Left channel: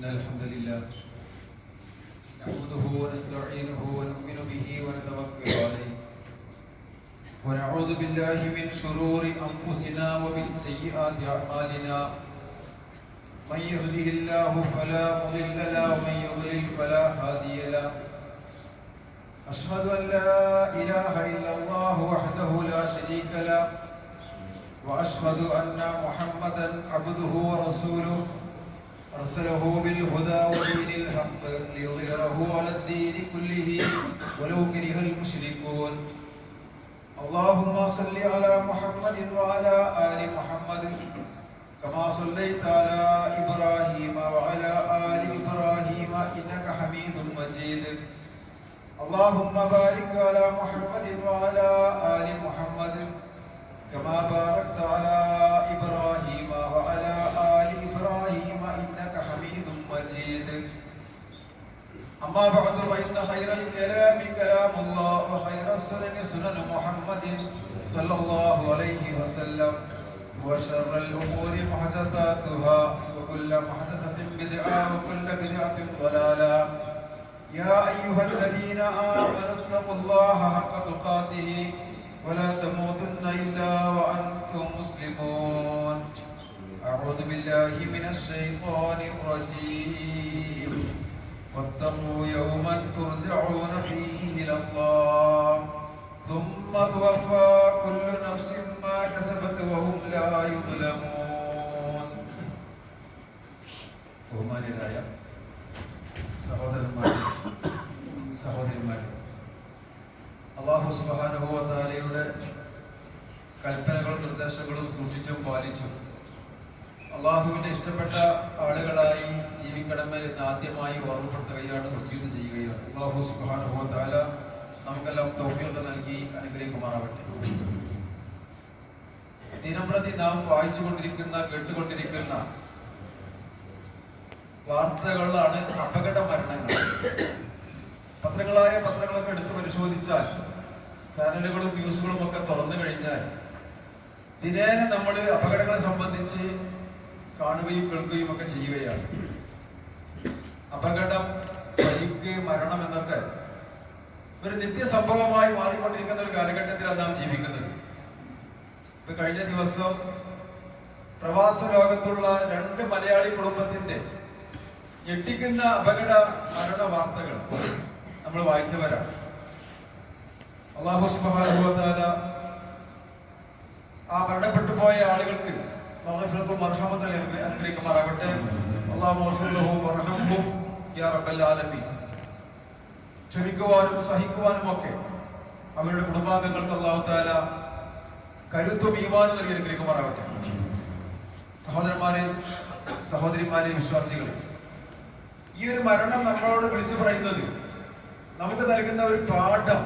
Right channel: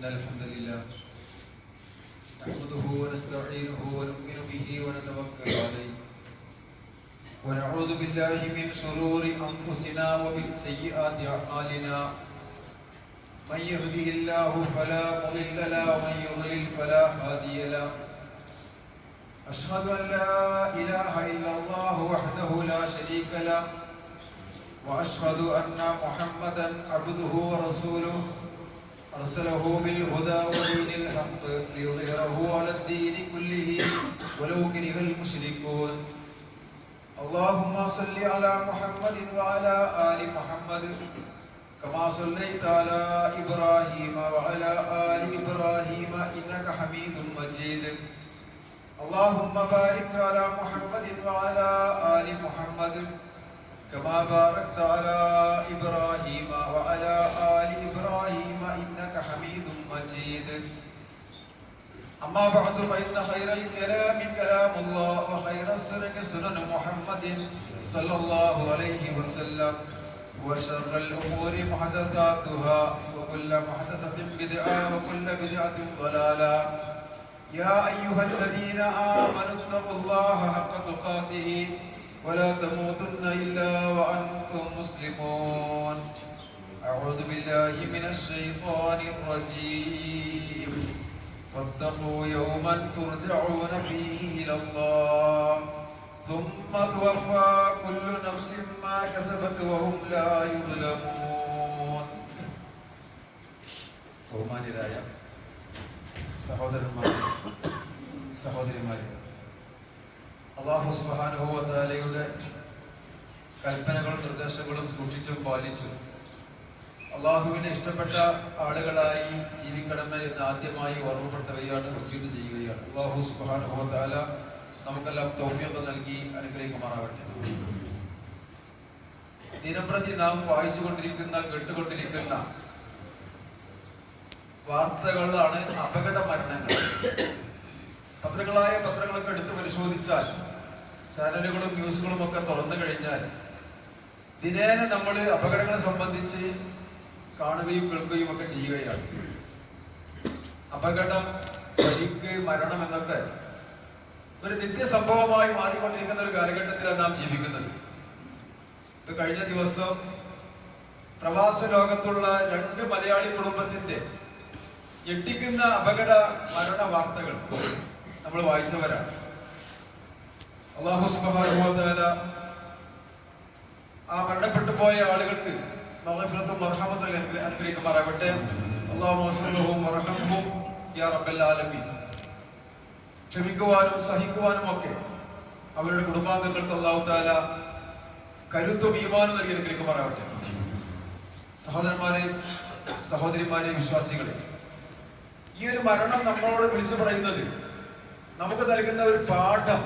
إن الحمد لله نحمده ونستعينه ونؤمن به ونتوكل عليه ونعوذ بالله من شرور أنفسنا ومن سيئات أعمالنا من يهده الله فلا مضل له ومن يضلل فلا هادي له أشهد أن لا إله إلا الله وحده لا شريك له وأشهد أن محمدا عبده ورسوله أرسله بالهدى ودين الحق ليظهره على الدين كله ولو كره المشركون اللهم صل على محمد وعلى آل محمد كما صليت على إبراهيم وعلى آل إبراهيم إنك حميد مجيد اللهم بارك على محمد وعلى آل محمد كما باركت على إبراهيم وعلى آل إبراهيم إنك حميد مجيد أما بعد فإن خير الكلام كلام الله وخير السنن سنن محمد صلى الله عليه وسلم وشر الأمور محدثاتها وكل محدثة بدعة وكل بدعة ضلالة يا أيها الذين آمنوا اتقوا الله حق تقاته ولا تموتن إلا وأنتم مسلمون أعوذ بالله من الشيطان الرجيم واتقوا يوما ترجعون فيه إلى الله ثم توفى كل نفس ما كسبت وهم لا يظلمون ബഹുമാന്യരായ സഹോദരന്മാരെ അല്ലാഹു സുബ്ഹാനഹു വ തആലയുടെ കൽപ്പനകളും നിർദ്ദേശങ്ങളും സൂക്ഷിച്ചും പാലിച്ചും അള്ളാഹുവിന്റെ ഇഷ്ടപ്പെട്ട ആളുകളായി ജീവിക്കണമെന്ന് എന്ന് ആദ്യമായി ഓർമ്മപ്പെടുത്തുകയാണ്, വസിയത്ത് ചെയ്യുകയാണ്. അല്ലാഹു സുബ്ഹാനഹു വ തആല നമുക്കെല്ലാം തൗഫീഖ് നൽകി അനുഗ്രഹിക്കുമാറാവട്ടെ. ദിനംപ്രതി നാം വായിച്ചുകൊണ്ടിരിക്കുന്ന കേട്ടുകൊണ്ടിരിക്കുന്ന വാർത്തകളാണ് അപകട മരണങ്ങൾ. പത്രങ്ങളൊക്കെ എടുത്ത് പരിശോധിച്ചാൽ, ചാനലുകളും ന്യൂസുകളും ഒക്കെ തുറന്നു കഴിഞ്ഞാൽ ദിനേന നമ്മൾ അപകടങ്ങളെ സംബന്ധിച്ച് കാണുകയും കേൾക്കുകയും ഒക്കെ ചെയ്യുകയാണ്. അപകടം, പരിക്ക്, മരണം എന്നൊക്കെ ഒരു നിത്യസംഭവമായി മാറിക്കൊണ്ടിരിക്കുന്ന ഒരു കാലഘട്ടത്തിലാണ് നാം ജീവിക്കുന്നത്. ഇപ്പൊ കഴിഞ്ഞ ദിവസം പ്രവാസ ലോകത്തുള്ള 2 മലയാളി കുടുംബത്തിന്റെ ഞെട്ടിക്കുന്ന അപകട മരണ വാർത്തകൾ നമ്മൾ വായിച്ചവരാണ്. അല്ലാഹു സുബ്ഹാനഹു വ തആല ആ മരണപ്പെട്ടു പോയ ആളുകൾക്ക് മഗ്ഫിറത്തും മർഹമത്തും അനുഗ്രഹിക്കുമാറാവട്ടെ. അല്ലാഹുമ്മ ഗ്ഫിർ ലഹും വർഹംഹും യാ റബ്ബൽ ആലമീൻ. ക്ഷമിക്കുവാനും സഹിക്കുവാനും ഒക്കെ അവരുടെ കുടുംബാംഗങ്ങൾക്ക് അല്ലാഹു തആല കരുത്തും ഈമാനും നൽകി അനുഗ്രഹിക്കുമാറാവട്ടെ. സഹോദരന്മാരെ, സഹോദരിമാരെ, വിശ്വാസികളെ, ഈ ഒരു മരണം നമ്മളോട് വിളിച്ചു പറയുന്നത്, നമുക്ക് നൽകുന്ന ഒരു പാഠം,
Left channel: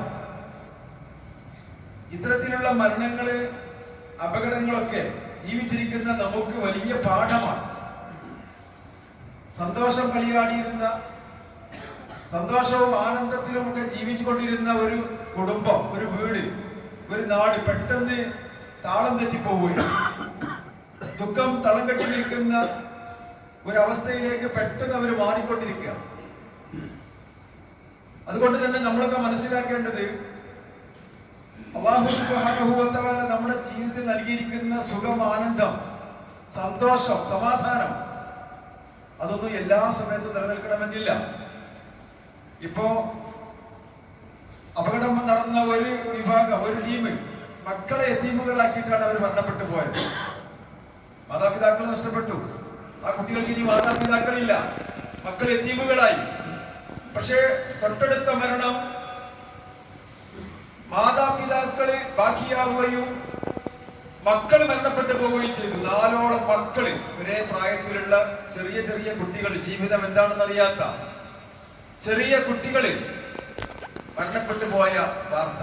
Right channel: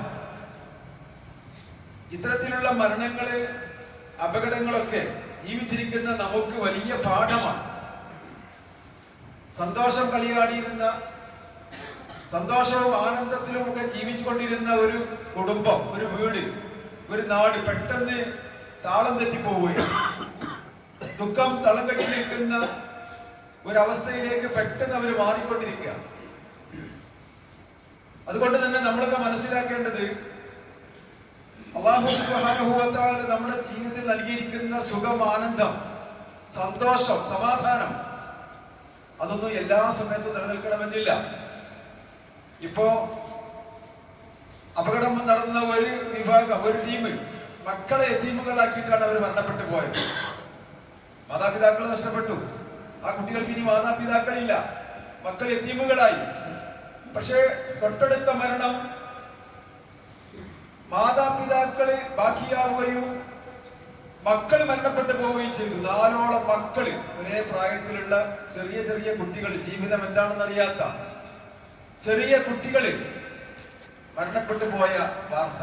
ഇത്തരത്തിലുള്ള മരണങ്ങള്, അപകടങ്ങളൊക്കെ ജീവിച്ചിരിക്കുന്ന നമുക്ക് വലിയ പാഠമാണ്. സന്തോഷം കളിയാടിയിരുന്ന, സന്തോഷവും ആനന്ദത്തിലും ഒക്കെ ജീവിച്ചുകൊണ്ടിരുന്ന ഒരു കുടുംബം, ഒരു വീട്, ഒരു നാട് പെട്ടെന്ന് താളം തെറ്റിപ്പോവുകയാണ്. ദുഃഖം തളം കെട്ടി നിൽക്കുന്ന ഒരവസ്ഥയിലേക്ക് പെട്ടെന്ന് അവർ മാറിക്കൊണ്ടിരിക്കുക. അതുകൊണ്ട് തന്നെ നമ്മളൊക്കെ മനസ്സിലാക്കേണ്ടത്, അല്ലാഹു സുബ്ഹാനഹു വ തആല നമ്മുടെ ജീവിതത്തിൽ നൽകിയിരിക്കുന്ന സുഖം, ആനന്ദം, സന്തോഷം, സമാധാനം, അതൊന്നും എല്ലാ സമയത്തും നിലനിൽക്കണമെന്നില്ല. ഇപ്പോ അപകടം നടന്ന ഒരു വിഭാഗം, ഒരു ടീം മക്കളെ യതീമുകളാക്കിയിട്ടാണ് അവർ മരണപ്പെട്ടു പോയത്. മാതാപിതാക്കൾ നഷ്ടപ്പെട്ടു. ആ കുട്ടികൾക്ക് ഇനി മാതാപിതാക്കളില്ല, മക്കൾ യതീമുകളായി. പക്ഷേ തൊട്ടടുത്ത മരണം മാതാപിതാക്കള് ബാക്കിയാവുകയും മക്കൾ മരണപ്പെട്ടു പോവുകയും ചെയ്തു. 4ഓളം മക്കള്, ഒരേ പ്രായത്തിലുള്ള ചെറിയ ചെറിയ കുട്ടികൾ, ജീവിതം എന്താണെന്ന് അറിയാത്ത ചെറിയ കുട്ടികള് മരണപ്പെട്ടു പോയ വാർത്ത.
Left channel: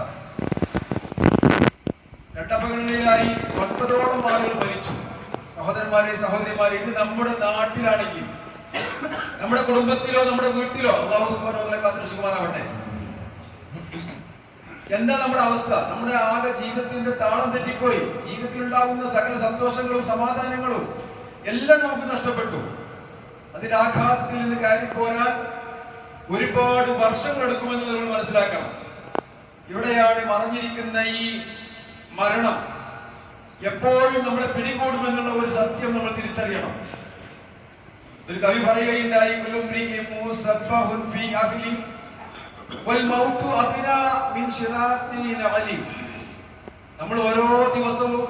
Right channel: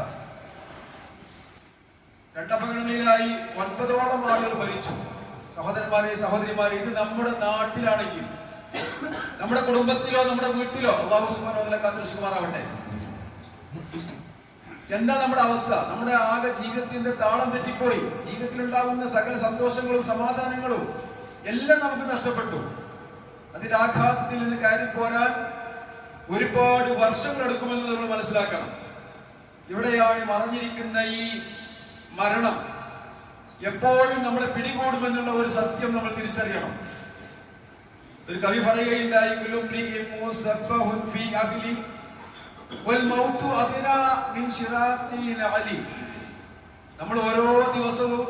2 അപകടങ്ങളിലായി 9ഓളം ആളുകൾ മരിച്ചു. സഹോദരന്മാരെ, സഹോദരിമാരെ, ഇത് നമ്മുടെ നാട്ടിലാണെങ്കിൽ, നമ്മുടെ കുടുംബത്തിലോ നമ്മുടെ വീട്ടിലോ അല്ലാഹു സുബ്ഹാനഹു വ തആല കാത്തുരക്ഷിക്കുമാറാവട്ടെ. എന്താ നമ്മുടെ അവസ്ഥ? നമ്മുടെ ആകെ ജീവിതത്തിന്റെ താളം തെറ്റിപ്പോയി. ജീവിതത്തിൽ ഉണ്ടാകുന്ന സകല സന്തോഷങ്ങളും സമാധാനങ്ങളും എല്ലാം നമുക്ക് നഷ്ടപ്പെട്ടു. അതിന്റെ ആഘാതത്തിൽ നിന്ന് കയറി പോരാൻ ഒരുപാട് വർഷങ്ങൾ എടുക്കുമെന്ന് നമ്മൾ മനസ്സിലാക്കണം. ഇവിടെയാണ് മറഞ്ഞിരിക്കുന്ന ഈ മരണം എപ്പോഴും നമ്മളെ പിടികൂടുമെന്നുള്ള ഒരു സത്യം നമ്മൾ തിരിച്ചറിയണം. ഒരു കവി പറയുകയുണ്ടായി, നമ്മൾ ഓരോ ദിവസവും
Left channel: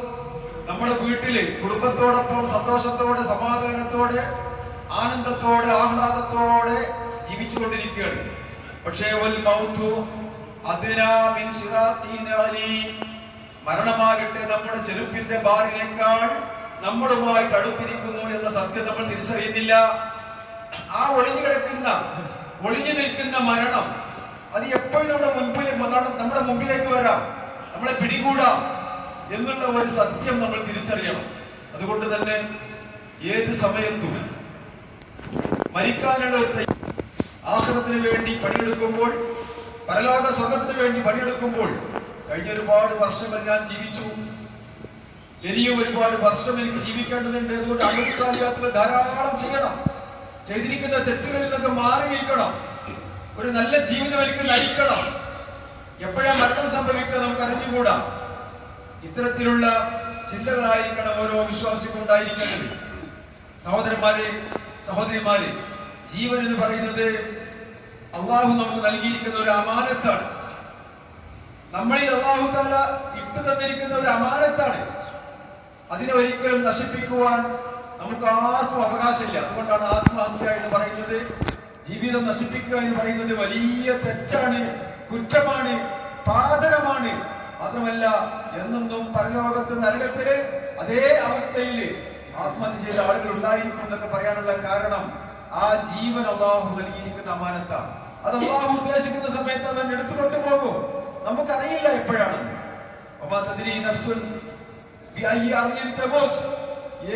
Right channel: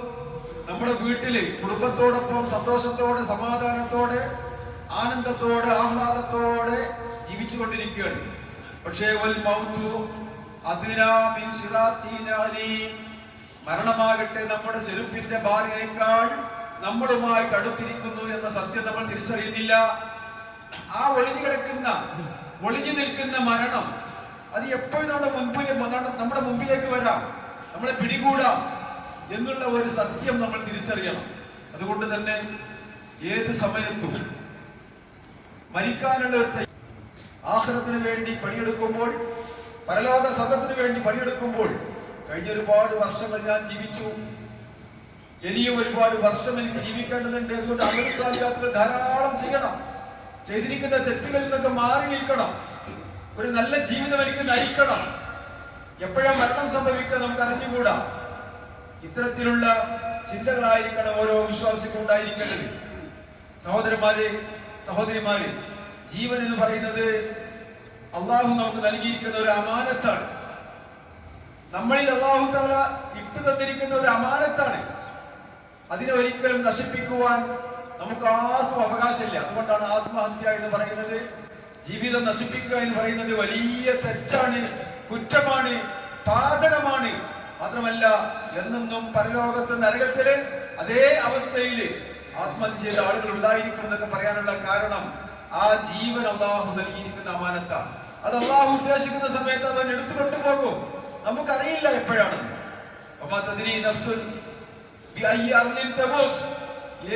നമ്മുടെ വീട്ടില് കുടുംബത്തോടൊപ്പം സന്തോഷത്തോടെ, സമാധാനത്തോടെ, ആനന്ദത്തോടെ, ആഹ്ലാദത്തോടെ ജീവിച്ചുകൊണ്ടിരിക്കുകയാണ്. പക്ഷേ മരണമാകട്ടെ നമ്മുടെ ചെരുപ്പിന്റെ ബാറിനേക്കാൾ നമ്മളുമായി അടുത്തിരിക്കുന്നു എന്ന സത്യം നമ്മൾ തിരിച്ചറിയുന്നില്ല. ആ ഒളിഞ്ഞു നിൽക്കുന്ന മരണം അത് എപ്പോഴും നമ്മുടെ മുമ്പിലേക്ക് വരാം, നമ്മളെ പിടികൂടാം എന്നുള്ള ഒരു സത്യം നമ്മൾ തിരിച്ചറിയണം. അതുകൊണ്ട് തന്നെ ഏത് സമയത്തും മരിക്കാനുള്ള ഒരു ആഖിറത്തിന് വേണ്ടി പണിയെടുക്കുമ്പോൾ, പരലോക സ്വർഗത്തിന് വേണ്ടി പണിയെടുക്കുമ്പോൾ, കഴിഞ്ഞ ഒരുപാട് വർഷങ്ങൾ ഞാൻ ജീവിച്ചു, ഇനിയും ഒരുപാട് വർഷം എനിക്ക് ജീവിക്കേണ്ടതുണ്ട്. അതുകൊണ്ട് അമൽസാലിയാത്തുകൾ ധാരാളം ചെയ്യണം, ചെയ്തിരിക്കുന്ന തെറ്റുകളിൽ നിന്നൊക്കെ മാറി നിൽക്കണം, ഒരു നല്ല ജീവിതം എനിക്ക് നയിക്കണം. എപ്പോഴാ മരണം സംഭവിക്കുക നമുക്ക് അറിഞ്ഞുകൂടാ. ഇത്തരത്തിലുള്ള ചിന്തകളായിരിക്കണം ഓരോ വിശ്വാസിക്കും ഉണ്ടായിരിക്കേണ്ടത്. സഹോദരന്മാരെ, സഹോദരിമാരെ, ജീവൻ എന്ന് പറയുന്നത് അള്ളാഹു നമുക്ക് നൽകിയിരിക്കുന്ന ഒരു അമാനത്താണ്. നമ്മളിൽ അള്ളാഹു തആല ഇട്ടു തന്നിരിക്കുന്ന ഒരു അമാനത്താണ്. അതിനെ ഒരിക്കലും നശിപ്പിക്കുവാൻ നമുക്ക് ആർക്കും അവകാശമില്ല. അതുകൊണ്ടാണ് ആത്മഹത്യ എന്ന് പറയുന്നത്, ജീവിതം നശിപ്പിക്കുക എന്ന് പറയുന്നത് വലിയ തെറ്റാണ്, കുറ്റമാണ്, പാതകമാണ്. മാത്രമല്ല എന്നെന്നും പരലോകത്ത് നരകത്തില് അതേ അവസ്ഥയില് ആത്മഹത്യ ചെയ്ത ആളുകൾ ഉണ്ടായിരിക്കും എന്നൊക്കെ പറയാനുള്ള കാരണം ആ ജീവൻ അള്ളാഹു നൽകിയിരിക്കുന്ന അമാനത്താണ്. അത് അള്ളാഹു ഉദ്ദേശിക്കുന്ന സമയത്ത് അവൻ എടുത്തുകൊണ്ടു പോകും. നമുക്കറിയില്ല എപ്പോഴാണ്.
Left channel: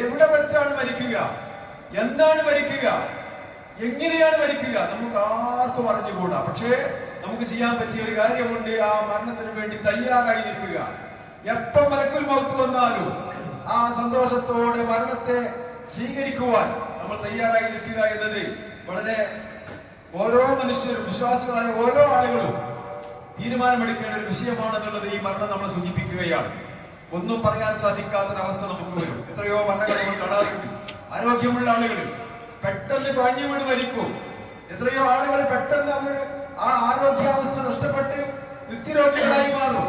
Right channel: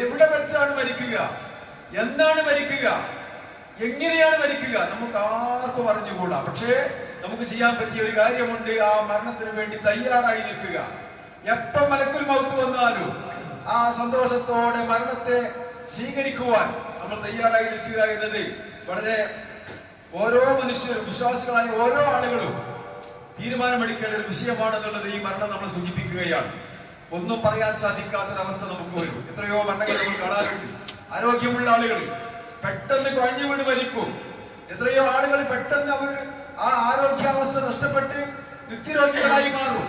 എവിടെ വെച്ചാണ് മരിക്കുക, എന്താണ് മരിക്കുക, എങ്ങനെയാണ് മരിക്കുക, നമുക്ക് ആർക്കും അറിഞ്ഞുകൂടാ. പക്ഷേ നമുക്ക് ചെയ്യാൻ പറ്റിയ ഒരു കാര്യമുണ്ട്, ആ മരണത്തിന് വേണ്ടി തയ്യാറായി നിൽക്കുക. എപ്പോ മലക്കുൽ മൗത്ത് വന്നാലും ആ സന്തോഷത്തോടെ മരണത്തെ സ്വീകരിക്കുവാൻ നമ്മൾ തയ്യാറായി നിൽക്കുക എന്നത് വളരെ ഓരോ മനുഷ്യരും, വിശ്വാസികളായ ഓരോ ആളുകളും തീരുമാനമെടുക്കേണ്ട ഒരു വിഷയമാണെന്നുള്ളത് ഈ മരണം നമ്മൾ സൂചിപ്പിക്കുകയാണ്. ഒന്നും പറയാൻ സാധിക്കാത്തൊരവസ്ഥ നമുക്ക് വരും. എത്രയോ മരണങ്ങൾ നമ്മൾ കാണാറുണ്ട്. ആരോഗ്യമുള്ള ആളുകൾ പെട്ടെന്ന് കുഴഞ്ഞു വീണ് മരിക്കും. എത്രയോ ആളുകൾ പെട്ടെന്ന് അവർ ആ ആരോഗ്യാവസ്ഥ നഷ്ടപ്പെട്ട് നിത്യരോഗികളായി മാറും.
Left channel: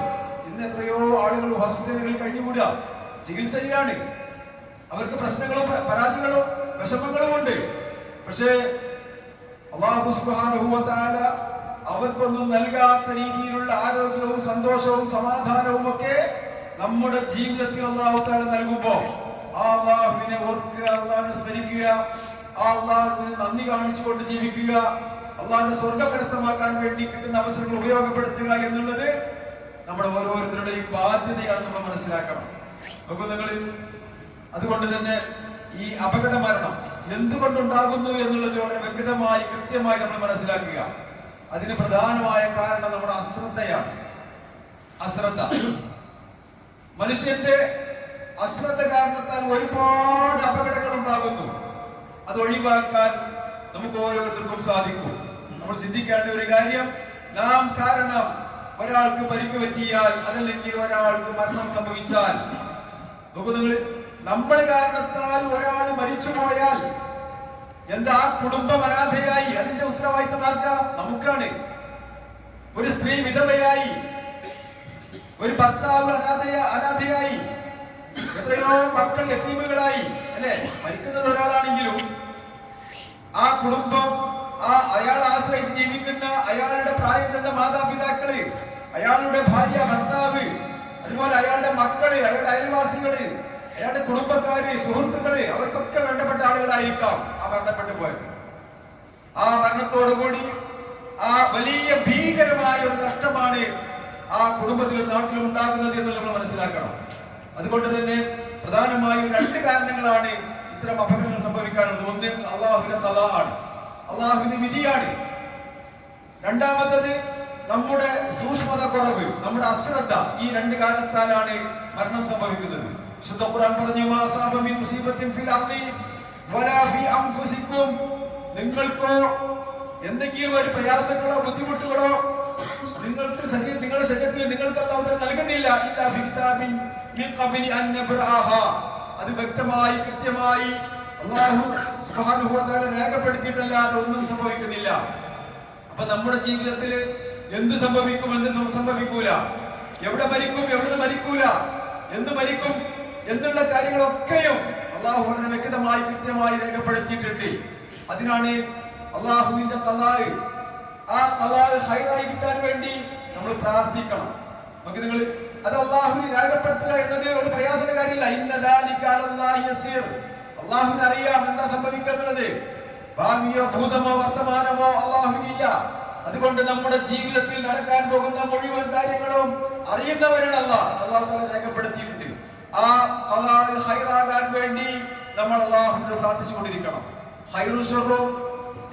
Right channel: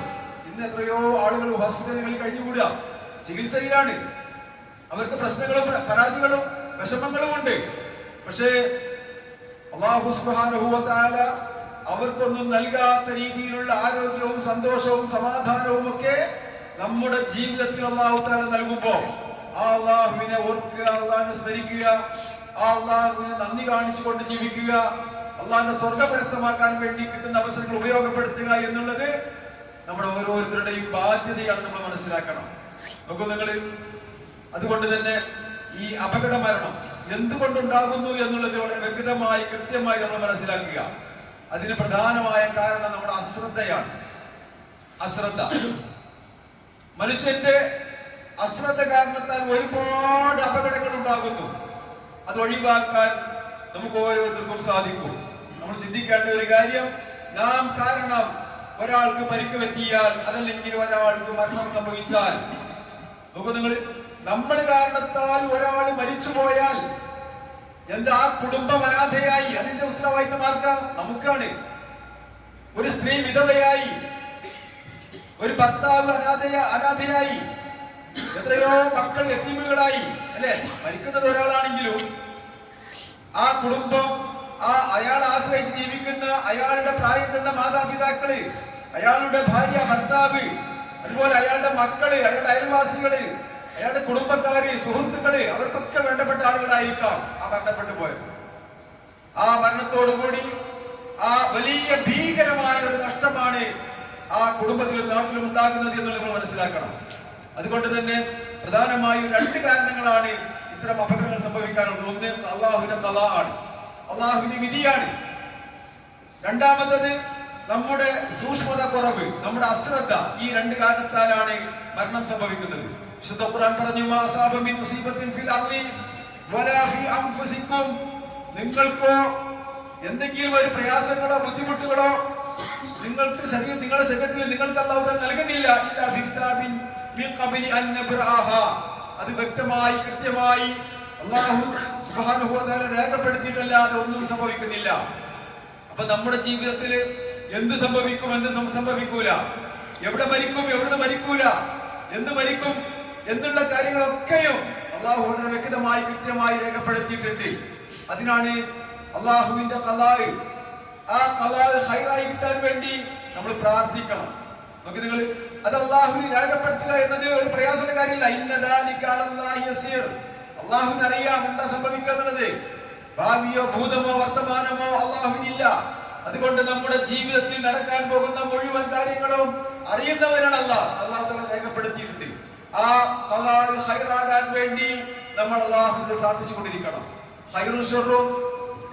ഇന്ന് എത്രയോ ആളുകൾ ഹോസ്പിറ്റലുകളിൽ കഴിഞ്ഞുകൂടുക, ചികിത്സയിലാണ്. അവർക്ക് പ്രശ്നങ്ങളും പരാതികളും വിഷമങ്ങളും ഉണ്ട്. പക്ഷേ അല്ലാഹു സുബ്ഹാനഹു വ തആല അവർക്കൊന്നും നൽകാത്ത രീതിയിലുള്ള ആരോഗ്യവും സന്തോഷവും സമാധാനവും ഒക്കെ നമ്മുടെ ജീവിതത്തിൽ അല്ലാഹു തആല നൽകുമ്പോൾ ആ അല്ലാഹുവിനെ ഓർക്കുക, അല്ലാഹുവിനെ സ്മരിക്കുക, ആ അല്ലാഹുവിനെ നന്ദി കാണിച്ചുകൊണ്ട് ജീവിക്കുക, അല്ലാഹുവിനെ സ്വർഗ്ഗകരസ്ഥമാക്കാൻ വേണ്ടി കിട്ടുന്ന അവസരങ്ങൾ ഉപയോഗപ്പെടുത്തുക എന്നുള്ളത് നമ്മുടെ ഓരോരുത്തരുടെയും ബാധ്യതയാണ് നമ്മൾ മനസ്സിലാക്കണം. നോക്കൂ നിങ്ങൾ, അതുകൊണ്ട് തന്നെ ഈ അപകട മരണം എന്തുകൊണ്ടുണ്ടാകുന്നു എന്നുള്ളത് വളരെ വ്യക്തമായി കൃത്യമായി നമ്മൾ മനസ്സിലാക്കുക. അതിന് പ്രധാനമായ കാരണം നമ്മുടെ അശ്രദ്ധയാണ്. അശ്രദ്ധ, മനുഷ്യന്റെ അശ്രദ്ധ കാരണത്താൽ ഒരുപാട് അപകടങ്ങൾ ഉണ്ടാകുന്നു. അത് ഒഴിവാക്കാൻ നമുക്ക് ഓരോരുത്തർക്കും സാധിക്കും. നമ്മൾ ചിന്തിക്കേണ്ട ഒരു കാര്യം, നാം കാരണം ഒരാൾക്ക് പരിക്ക് പറ്റിയാൽ, അതല്ലെങ്കിൽ ഒരാൾക്ക് മരണം സംഭവിച്ചാൽ, നോക്കൂ നിങ്ങൾ, നമ്മൾ കാരണത്താൽ ഒരാൾ മരിച്ചുപോയാൽ എന്താ കുടുംബം അനാഥയായി, അതിന്റെ ഉത്തരവാദിത്തം ആർക്കാം? നമുക്കാണ്. ഒരു സ്ത്രീ വിധവയായി, ഒരു ഭർത്താവ് അനാഥയായി, എത്രയോ മക്കൾ യതീമുകളായി, അല്ലെ? മരിക്കുന്നത് ഒരാളാണെങ്കിലും ആ കുടുംബം, അയാൾ ആശ്രയിച്ച് ജീവിക്കുന്ന അയാളുടെ പ്രായം ചെന്ന മാതാപിതാക്കള്, അയാളുടെ ഭാര്യ, ഭർത്താവ്, അതുപോലെ അയാളുടെ മക്കള്, അയാളുടെ അയൽവാസികള്, അയാളുടെ കുടുംബക്കാര്, സുഹൃത്തുക്കള്, അവർക്കൊക്കെ വേണ്ടപ്പെട്ട ആളുകളായിരിക്കാം ആ മരണപ്പെട്ടു പോയത്. ആ മരണത്തോടുകൂടി ആ വലിയ ഭീകരമായ ഒരു നഷ്ടമാണ് ആ കുടുംബത്തിലും നാട്ടിലും ഉണ്ടാകുന്നത് എന്നുള്ളത് നമ്മൾ മനസ്സിലാക്കണം. അതുകൊണ്ട് തന്നെ പ്രധാനമായും രണ്ട് കാരണങ്ങളാണ് ഇത്തരം അപകടങ്ങൾ സംഭവിക്കാനുള്ളത്. ഒന്ന് അള്ളാഹുവിന്റെ ഖളാ ആണ്, അള്ളാഹുവിന്റെ വിധിയാണ്. രണ്ടാമത്തത് നമ്മുടെ സൂക്ഷ്മത കുറവ്, നമ്മുടെ അശ്രദ്ധ. ഈ രണ്ട് കാരണത്താലാണ് മരണം സംഭവിക്കുന്നത്. വിശുദ്ധ ഖുർആൻ പറഞ്ഞു, മാ അസാബ മിൻ മുസീബത്തിൻ ഫിൽ അർളി വലാ ഫീ അൻഫുസിക്കും, നിങ്ങൾക്കോ എന്തെങ്കിലും ഒരു പ്രയാസങ്ങളോ ബുദ്ധിമുട്ടുകളോ നിങ്ങളുടെ ശരീരത്തിൽ നിങ്ങൾക്ക് അല്ലാഹു തആല നൽകുന്നില്ല. ഇല്ലാ ഫീ കിതാബിൻ മിൻ ഖബ്ലി അൻ നബ്റഅഹ, അത് വ്യക്തമായി കൃത്യമായി അല്ലാഹു സുബ്ഹാനഹു വ തആല രേഖപ്പെടുത്തിയിട്ടല്ലാതെ ഒന്നും സംഭവിക്കുന്നില്ല. അപ്പൊ നമ്മുടെ ജീവിതത്തിൽ എന്ത് സംഭവിക്കും, എന്ത് സംഭവിക്കൂല, എവിടെ മരിക്കും, എവിടെ മരിക്കൂല, എന്ത് മരിക്കും എന്നുള്ള കാര്യങ്ങളൊക്കെയും അല്ലാഹു വളരെ വ്യക്തമായി കൃത്യമായി രേഖപ്പെടുത്തിയിട്ടുണ്ട്. അതിനാണ് അല്ലാഹുവിന്റെ ഖലാഇ, ആ ഖലാഇ ഖൈറായി കിട്ടാൻ വേണ്ടി നമ്മൾ പ്രാർത്ഥിക്കണം. നമുക്ക് നിങ്ങൾ അത് അല്ലാഹുവിനെ രേഖപ്പെടുത്തുക എന്നത് ഒരു പ്രയാസമുള്ള കാര്യമല്ല. ഇന്ന ദാലിക അലല്ലാഹി യസീർ, അല്ലാഹുവിന് അറിയാം എന്താ സംഭവിക്കുക എന്നുള്ളത്. ഭാവിയോ ഭൂതമോ വർത്തമാനമോ അല്ലാഹുവിനില്ല. അതുകൊണ്ട് നമ്മുടെ ജീവിതത്തിൽ നടക്കാൻ പോകുന്ന മുഴുവൻ കാര്യങ്ങളും അറിയുന്നവരാണ് അല്ലാഹ്. അല്ലാഹു തആല രേഖപ്പെടുത്തിയിട്ടുണ്ട്. ആ ഖലാഇ ഖൈറാകാൻ വേണ്ടി നമ്മൾ അല്ലാഹുവിനോട് പ്രാർത്ഥിച്ചുകൊണ്ടിരിക്കണം. ഖൈറു ശർറും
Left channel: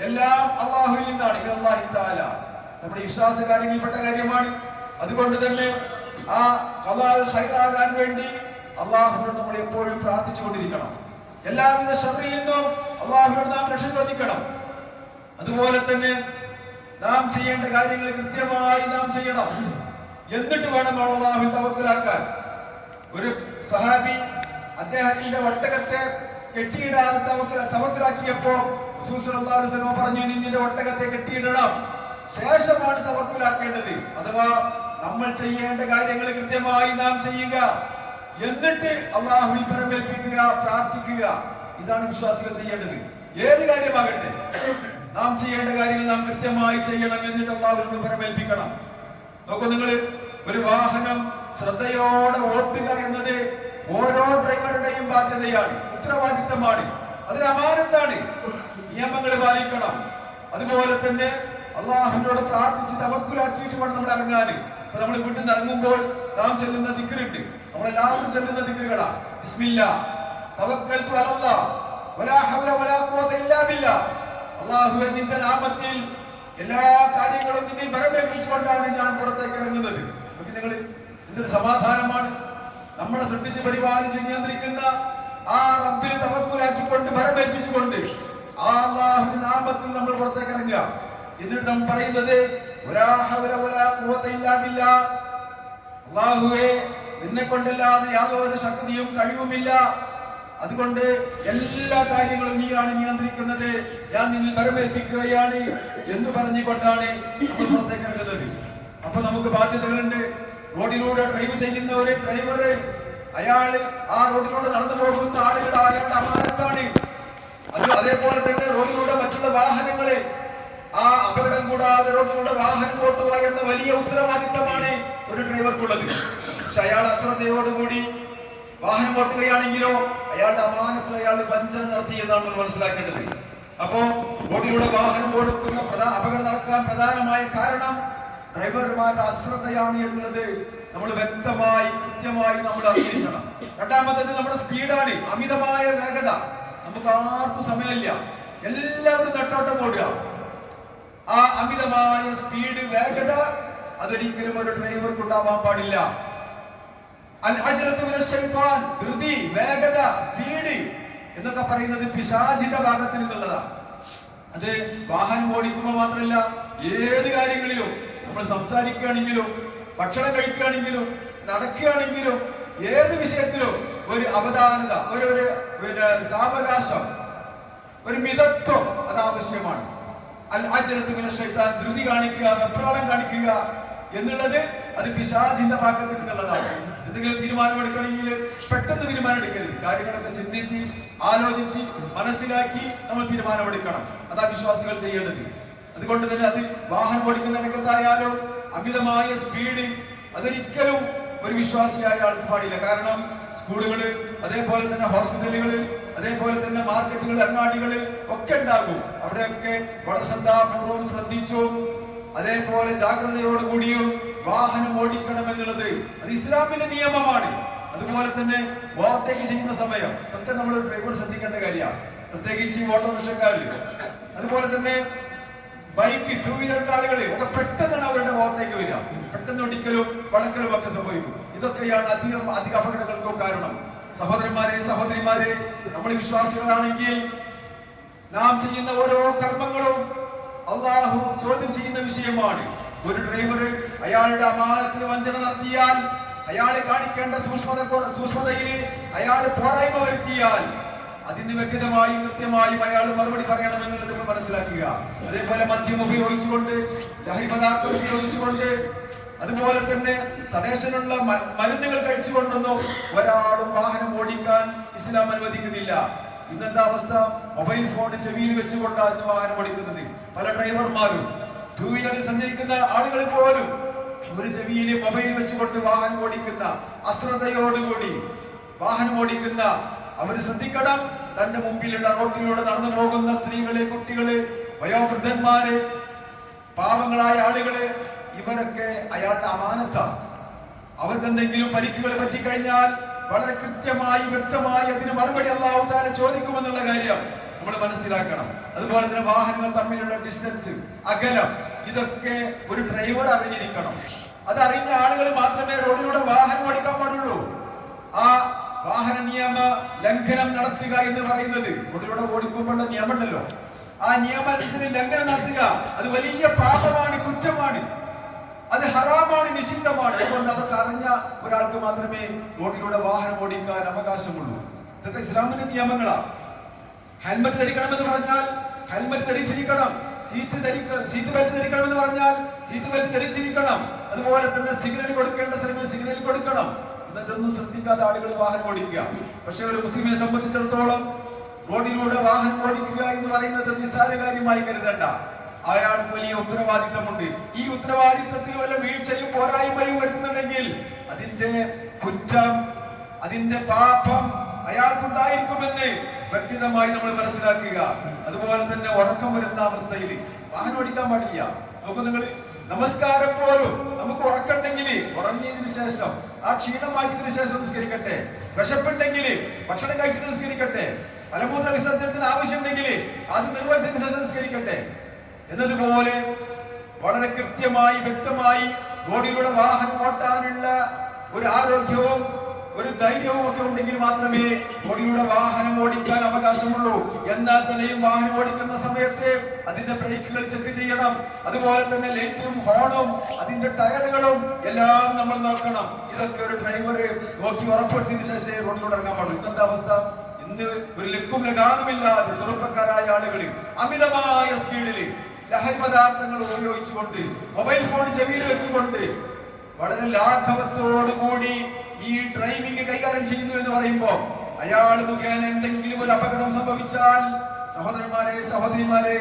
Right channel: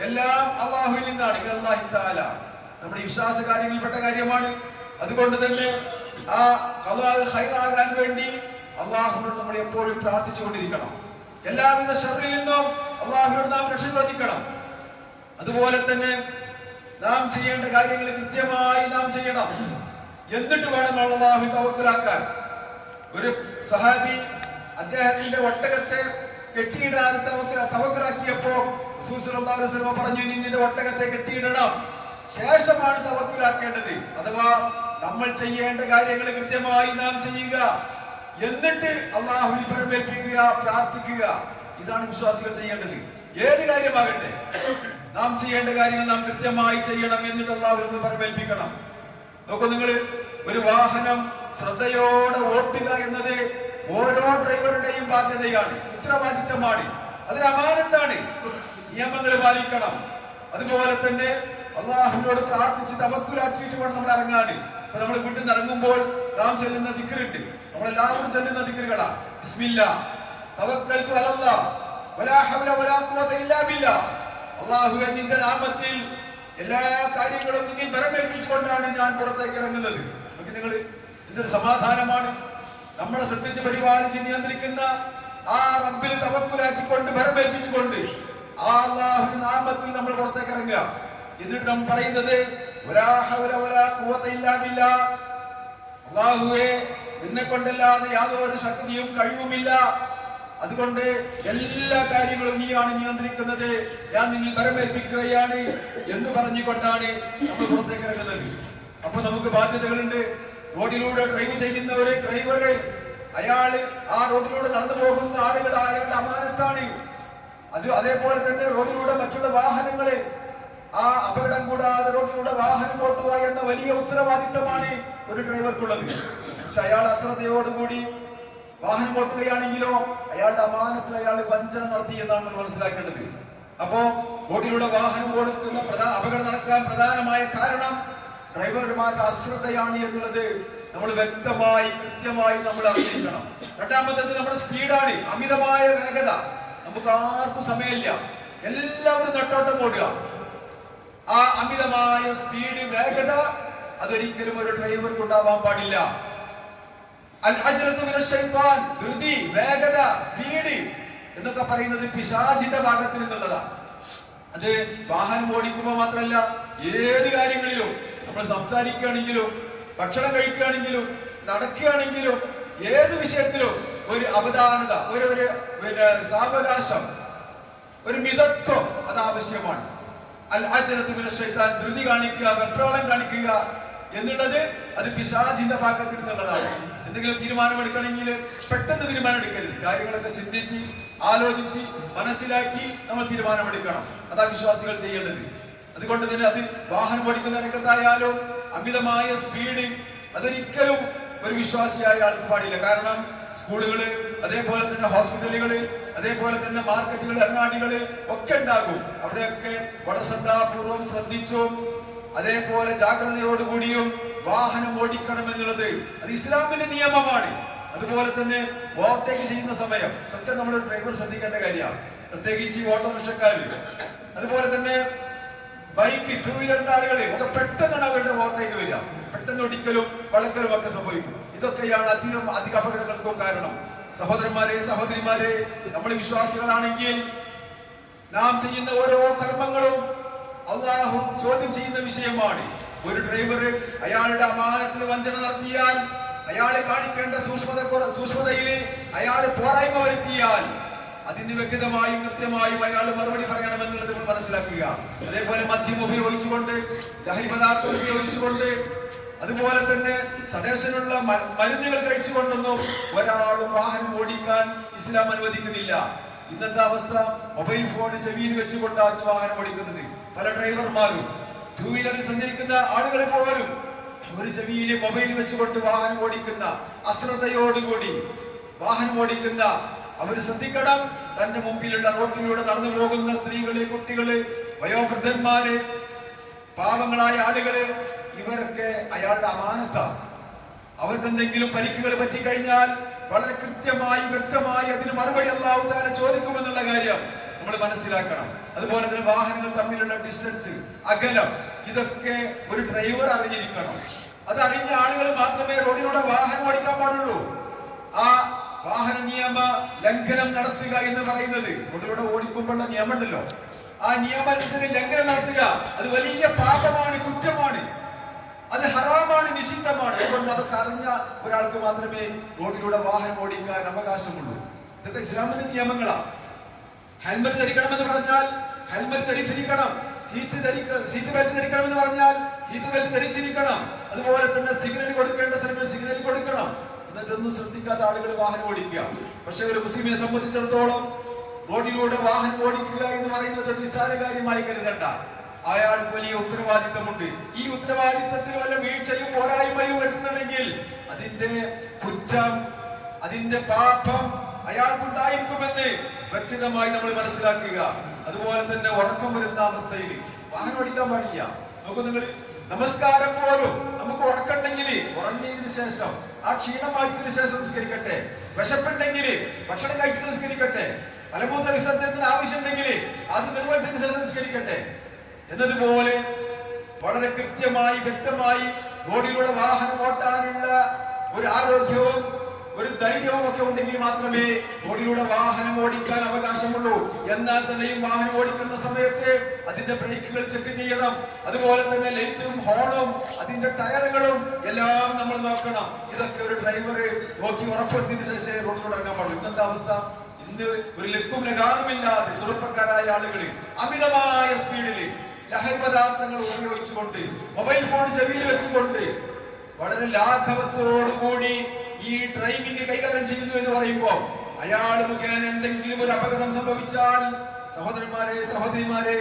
എല്ലാം അല്ലാഹുവിൽ നിന്നാണ്. ഇന്നല്ലാഹി തആല നമ്മുടെ വിശ്വാസ കാര്യങ്ങളിൽപ്പെട്ട കാര്യമാണ്. അതുകൊണ്ട് തന്നെ ആ ഖലാഇ ഖൈറാകാൻ വേണ്ടി അല്ലാഹുവിനോട് നമ്മൾ എപ്പോഴും പ്രാർത്ഥിച്ചുകൊണ്ടിരിക്കണം. എല്ലാവിധ ശർറിൽ നിന്നും അല്ലാഹുവിനോട് നാം രക്ഷ ചോദിക്കണം. അതുപോലെ തന്നെ നാം ചെയ്യേണ്ട കാര്യങ്ങൾ കൃത്യമായി നാം ചെയ്യണം. എന്നിട്ട് വേണം അല്ലാഹുവിൽ തവക്കുലാക്കാൻ. ഒരു സഹാബി അദ്ദേഹത്തിന്റെ ഒട്ടകത്തെ കെട്ടിയിടാൻ തവക്കുലാക്കിയപ്പോ റസൂൽ സ്വല്ലല്ലാഹു അലൈഹി വസല്ലം പറഞ്ഞു, നിന്റെ ഒട്ടകത്തെ കെട്ടിയിടണം, ശേഷമാണ് തവക്കുലാക്കേണ്ടത്. അഥവാ നമ്മൾ ചെയ്യേണ്ട കാര്യങ്ങൾ കൃത്യമായി നാം ചെയ്യുക, എന്നിട്ട് അല്ലാഹുവിൽ പരമേൽപ്പിക്കുക, പ്രാർത്ഥിക്കുക. ഇതാണ് വിശ്വാസികൾ ചെയ്യേണ്ടത്. ഏത് കാര്യമാകട്ടെ നാം ചെയ്യേണ്ട കാര്യങ്ങൾ നാം കൃത്യമായി ചെയ്യണം, എന്നിട്ട് അല്ലാഹുവിൽ പരമേൽപ്പിക്കണം. നോക്കൂ, നിങ്ങൾ ഒരു വാഹനം ശ്രദ്ധയോടെ ഓട്ടുക എന്നത് ഓരോ ഡ്രൈവറുടെയും ബാധ്യതയാണ്, ഉത്തരവാദിത്തമാണ്, അതൊരു അമാനത്താണ്. നിയമങ്ങൾ പാലിക്കണം. അതുപോലെ തന്നെ അല്ലാഹുവിനോട് പ്രാർത്ഥിച്ച് തവക്കുലാക്കിയിട്ട് വേണം നമ്മൾ ഇറങ്ങാൻ. അപ്പൊ നമ്മൾ വീട്ടിൽ നിന്ന് ഇറങ്ങുമ്പോൾ നാം ചൊല്ലുന്ന ദിക്റുണ്ട്, നമ്മളെല്ലാവരും ചൊല്ലുന്ന ദിക്റുകളാ. ബിസ്മില്ലാഹ് തവക്കൽതു അലല്ലാഹ് വലാ ഹൗല വലാ ഖുവത ഇല്ലാ ബില്ലാഹ്. അല്ലാഹുവേ, നിന്റെ നാമത്തിൽ എല്ലാ കാര്യങ്ങളും നിന്നിൽ പരമേൽപ്പിച്ചുകൊണ്ടാണ് ഞാൻ പുറത്തേക്ക് ഇറങ്ങുന്നത്. നിങ്ങൾ എന്തൊരു സമാധാനമാണ്. നമ്മളെ ശ്രദ്ധിച്ച് പരിപാലിച്ച് നിയന്ത്രിക്കുന്ന ആ റബ്ബിൽ തവക്കുലാക്കിക്കൊണ്ട് പരമേൽപ്പിച്ചുകൊണ്ട് ആ അല്ലാഹുവിന്റെ നാമത്തിൽ നമ്മൾ പുറത്തേക്ക് ഇറങ്ങുക. എന്നിട്ട് നാം പറയുന്നത് വലാ ഹൗല വലാ ഖുവത ഇല്ലാ ബില്ലാഹ്, അല്ലാഹുവേ, നിന്നെ കൊണ്ടല്ലാതെ യാതൊരു ശക്തിയും കഴിവുമില്ല, അതുകൊണ്ട് എല്ലാ കാര്യങ്ങളും നീയാണ് നിയന്ത്രിക്കുന്നത്, ഞാൻ നിന്നിൽ പരമേൽപ്പിക്കുകയാണ് എന്ന് പറഞ്ഞുകൊണ്ടാണ് നമ്മൾ പുറത്തേക്ക് ഇറങ്ങുന്നത്. അപ്പൊ നമുക്ക് ബാധ്യതകളുണ്ട്. റോഡിലൂടെ ഡ്രൈവ് ചെയ്യുന്ന ഒരു ഡ്രൈവറ്, അയാള് ആ റോഡിലൂടെ നടന്നു പോകുന്ന ആളുകൾ അയാളുടെ അമാനത്താണ്. അതേപോലെ തന്നെ റോഡിലൂടെ മറ്റുള്ള വാഹനങ്ങള്, ആ അപകടം കൂടാതെ റോഡിലൂടെ വാഹനം ഓട്ടുക എന്ന വലിയ ഉത്തരവാദിത്തമാണ് ഒരു ഡ്രൈവർക്കുള്ളത്. പക്ഷെ അയാൾ അശ്രദ്ധയോടുകൂടി വാഹനം ഓട്ടുകയാണെങ്കിലോ അയാളുടെ അമാനത്തിൽ അയാൾ വഞ്ചന നടത്തി എന്നാണ് നമ്മൾ മനസ്സിലാക്കേണ്ടത്. അപ്പോ റോഡിലൂടെ വാഹനം ഓടുന്ന അപകടം നടക്കാൻ പ്രധാനമായ കാരണം ഡ്രൈവർമാരുടെ അശ്രദ്ധയാണ് എന്നുള്ളത് നമ്മൾ വ്യക്തമായി കൃത്യമായി നമ്മൾ അറിഞ്ഞിരിക്കണം. രണ്ടാമത്തേത് നമ്മുടെ സ്പീഡാണ്, അമിതമായ വേഗത. നമുക്ക് ആർക്കും സമയമില്ല, എല്ലാവരും നെട്ടോട്ടം ഓടുക. ആ അമിതമായ സ്പീഡ്, വേഗത അതൊരിക്കലും ഒരു ഡ്രൈവർക്ക് ഉണ്ടാവാൻ പാടില്ല. ധൃതി, വേഗത, സ്പീഡ് എന്നൊക്കെ പറയുന്നത് പിശാചിന്റെ ഭാഗത്തിൽ നിന്നുള്ളതാണ്. അത് വാഹനം ഓടിക്കുമ്പോൾ മാത്രമല്ല, ഏത് കാര്യങ്ങളിലും നമ്മൾ സംസാരിക്കുകയാണെങ്കിലും ഭക്ഷണം കഴിക്കുകയാണെങ്കിലും നടക്കുകയാണെങ്കിലും ഏത് വിഷയത്തിലും ഒരു അവധാനത, ഒരു സാവകാശം, ഒരു മിതത്വം അത് ആവശ്യമാണ്. ധൃതി കാണിക്കുക, വെപ്രാളം കാണിക്കുക എന്നുള്ളത് അത് പിശാചിന്റെ ഭാഗത്തിൽ നിന്നുള്ളതാണ്. എന്തെങ്കിലും തീരുമാനമെടുക്കണമെങ്കിൽ പെട്ടെന്ന് തീരുമാനം എടുക്കരുത്. കാര്യങ്ങളൊക്കെ ചിന്തിച്ച് ആലോചിച്ച് മനസ്സിലാക്കി നമ്മൾ തീരുമാനമെടുക്കണം. അതാ വിശ്വാസികൾ ചെയ്യേണ്ടത്. അതുകൊണ്ട് തന്നെ അത് വാഹനം ഓടിക്കുന്ന രംഗത്തായാലും അമിതമായ സ്പീഡ് അതൊരിക്കലും ഒരു വിശ്വാസിയായ ആൾക്ക് പാടില്ല. കാരണം സ്കൂളുകള്, അതേപോലെ തന്നെ ഹോസ്പിറ്റലുകള്, അതേപോലെ തന്നെ മാർക്കറ്റുകൾ, അങ്ങാടികള് ഒക്കെ ഉണ്ടാകും. അവിടെയൊക്കെ വളരെ ശ്രദ്ധാപൂർവം ശ്രദ്ധിച്ചും അതേപോലെ ജാഗ്രതയോടുകൂടിയും വാഹനം ഓടിക്കണം എന്നുള്ളത് അത് ഇസ്ലാമിന്റെ നിയമമാണ്. അതുപോലെ തന്നെ ഓവർടേക്ക് ചെയ്യുന്ന സമയം ഒക്കെ നമ്മൾ ഡ്രൈവർ ശ്രദ്ധിക്കേണ്ട കാര്യമാണ്, പ്രത്യേകിച്ച് ഓട്ടോറിക്ഷക്കാര്. അതുപോലെ തന്നെ ബൈക്ക്, ടൂ വീലറിന്റെ ആളുകള് ഒക്കെ പെട്ടെന്നാണ് അവരുടെ ഓവർടേക്ക് വരിക. പെട്ടെന്ന് ഒടിക്കലും വളക്കലും ഒക്കെ സംഭവിക്കും. ഇതൊക്കെയാണ് അധിക അപകടങ്ങൾക്കും കാരണം. സഹോദരന്മാരെ, സഹോദരിമാരെ, നമ്മൾ വിശ്വാസികളാണെങ്കിൽ നാം ചെയ്യുന്ന ഓരോ കർമ്മങ്ങളും അള്ളാഹു ചോദ്യം ചെയ്യുന്ന വിഷയമാണ്. ഒരു ഡ്രൈവർ അയാളുടെ അമാനത്തിന് വഞ്ചന നടത്തിയാൽ, അയാൾ കാണിക്കേണ്ട സൂക്ഷ്മതയിൽ അയാൾ പോരായ്മ വരുത്തിയാൽ അതിന് വ്യക്തമായും കൃത്യമായും അയാൾ മറുപടി പറയണമെന്നുള്ളത് നമ്മൾ മനസ്സിലാക്കുക. അതേപോലെ മദ്യം ഉപയോഗിച്ചുകൊണ്ട്, ലഹരി പദാർത്ഥം ഉപയോഗിച്ചുകൊണ്ട്, അതുപോലെ തന്നെ സഡേഷനുള്ള മരുന്നുകൾ കഴിച്ചുകൊണ്ടൊന്നും ഒരാളും വാഹനം ഓടിക്കാൻ ഇസ്ലാം അനുവദിക്കുന്നില്ല. ഇന്നത്തെ അവസ്ഥ, മൊബൈൽ ഫോൺ ചെവിയിൽ വെച്ചുകൊണ്ടാണ് വാഹനം ഓടിക്കുന്നത്. പല ഡ്രൈവർമാരും, ടൂ വീലറിൽ സഞ്ചരിക്കുന്ന ആളുകൾ പോലും ഒരു ചെവിയിൽ മൊബൈൽ വെച്ചുകൊണ്ട് വാഹനം ഓടിക്കുന്ന, അശ്രദ്ധയോടുകൂടി വാഹനം ഓടിക്കുന്ന അവർ ശ്രദ്ധിക്കണം. തന്റെ മുമ്പിലുള്ള റോഡിലൂടെ നടന്നു പോകുന്ന സ്ത്രീകള്, കുട്ടികള്, വയോവൃദ്ധന്മാര്, പാവങ്ങളായ ആളുകള്, ഇവരൊക്കെ അയാളുടെ അമാനത്താണ്. അവർക്ക് എന്തെങ്കിലും പരിക്കുകൾ പറ്റിക്കഴിഞ്ഞാൽ വളരെ കൃത്യമായി വ്യക്തമായി അതിന് മറുപടി അല്ലാഹു തആല ചോദിക്കുമെന്നുള്ള കാര്യം നമ്മൾ മനസ്സിലാക്കണം. അതുപോലെ തന്നെ വാഹനങ്ങൾ തമ്മിലുള്ള ഡിസ്റ്റൻസ്, അകലം, ഇതൊക്കെ ഒരു ഡ്രൈവർ അറിഞ്ഞിരിക്കണം. അത് അറിഞ്ഞ ആളുകൾ മാത്രമേ റോഡിലൂടെ വാഹനം ഓടിക്കാൻ പാടുള്ളൂ. ആ വാഹന നിയമ ലംഘനം നടത്തുക എന്ന് പറയുന്നത്, റോഡിലൂടെ ഓടിക്കുമ്പോഴുള്ള നിയമമുണ്ടല്ലോ, ആ നിയമത്തിന് ലംഘനം നടത്തുക അത് വലിയ പാപമാണ്, കുറ്റമാണ്, അത് ഹറാമാണ്, നിഷിദ്ധമാണ്. അതുകൊണ്ട് അതൊക്കെ അറിഞ്ഞ ഒരാൾക്ക് മാത്രമേ റോഡിലൂടെ വാഹനം ഓടിക്കാൻ അവകാശമുള്ളൂ. ഇതൊക്കെ ഇസ്ലാമിന്റെ നിയമങ്ങളാണ്. ഹെൽമറ്റ് ധരിക്കണമെന്ന് പറഞ്ഞാൽ ഹെൽമറ്റ് ധരിച്ചിരിക്കണം. സീറ്റ് ബെൽറ്റ് ധരിക്കണമെന്ന് പറഞ്ഞാൽ സീറ്റ് ബെൽറ്റ് ധരിച്ചിരിക്കണം. അതുപോലെ തന്നെ സിഗ്നൽ കൊടുക്കേണ്ട സ്ഥലങ്ങളിൽ സിഗ്നൽ കൊടുക്കണം. ഇതൊന്നും ശ്രദ്ധിക്കാത്ത ആളുകൾ വാഹനം ഓടിക്കുക. പക്ഷെ ഒരു മുസ്ലിമിനെ സംബന്ധിച്ചിടത്തോളം റോഡിലൂടെ വാഹനം ഓടിക്കുക എന്ന് പറയുന്നത് നിസ്സാര കാര്യമായി കരുതണ്ട. അയാൾക്ക് വലിയ ഉത്തരവാദിത്തമുണ്ട്. ഈ ഉത്തരവാദിത്തത്തിൽ വല്ല വീഴ്ചയും പോരായ്മയും വരുത്തുന്നുണ്ടെങ്കിൽ അതിന്റെ കുറ്റം, അതിന്റെ പാപം അയാൾക്കുണ്ടായിരിക്കുമെന്ന് വ്യക്തമായി നമ്മൾ മനസ്സിലാക്കുക. അതുപോലെ തന്നെ ഉറക്കം വരുന്ന അവസ്ഥയിൽ വാഹനം ഓടിക്കാൻ പാടില്ല. നോക്കൂ നിങ്ങൾ, നമസ്കാരം പോലും നമുക്ക് ഉറക്കണ്ടെങ്കിൽ ഉറങ്ങിയതിനു ശേഷം, ആ ക്ഷീണം മാറ്റിയതിനു ശേഷം നിസ്കരിക്കട്ടെ. വിശപ്പുണ്ടെങ്കിൽ ഭക്ഷണം കഴിച്ചിട്ട് നിസ്കരിക്കട്ടെ. മലമൂത്ര വിസർജനത്തിന് ആവശ്യമുണ്ടെങ്കിൽ അത് നിർവഹിച്ചതിനു ശേഷം നിസ്കരിക്കട്ടെ. എന്നതുപോലെ വളരെ കൃത്യമായി വ്യക്തമായി റോഡിലൂടെ വാഹനം ഓട്ടാനുള്ള ഒരു ആരോഗ്യവും ഒരു ധൈര്യവും ഒക്കെ ഉണ്ടെങ്കിൽ മാത്രമേ റോഡിലൂടെ വാഹനം ഓടിക്കാൻ അവകാശമുള്ളൂ. എന്നാൽ തന്നെയും വാഹനം ഓടിക്കുന്ന സമയത്ത് അതിന്റെ ബ്രേക്കുകൾ ചെക്ക് ചെയ്യണം. അതുപോലെ തന്നെ ലൈറ്റും ഹോണും അതിന്റെ ടയറുകളും എല്ലാം നമ്മൾ നോക്കണം. ഇതൊക്കെ ഒരു ഡ്രൈവർ നോക്കി ഉറപ്പെടുത്തിയതിനു ശേഷം റോഡിലൂടെ ഇറങ്ങാൻ പാടുള്ളൂ. ഇന്നത്തെ അവസ്ഥ, ഇന്ന് ഒരു ലക്കും ലഗാനുമില്ലാതെ ചെറുപ്പക്കാരായ ആളുകൾ അമിതമായ സ്പീഡില് ലഹരി പദാർത്ഥങ്ങൾ ഉപയോഗിച്ചുകൊണ്ട്, മൊബൈൽ ഫോൺ ചെവിയിൽ വെച്ചുകൊണ്ട് വളരെ ലാഘവത്തോടുകൂടി ഈ ഡ്രൈവിംഗ് കൈകാര്യം ചെയ്യുന്നു എന്ന് പറയുമ്പോൾ അയാൾ മുഖേന എന്തെങ്കിലും ഒരു അപകടം സംഭവിച്ചാൽ, സഹോദരന്മാരെ, സഹോദരിമാരെ,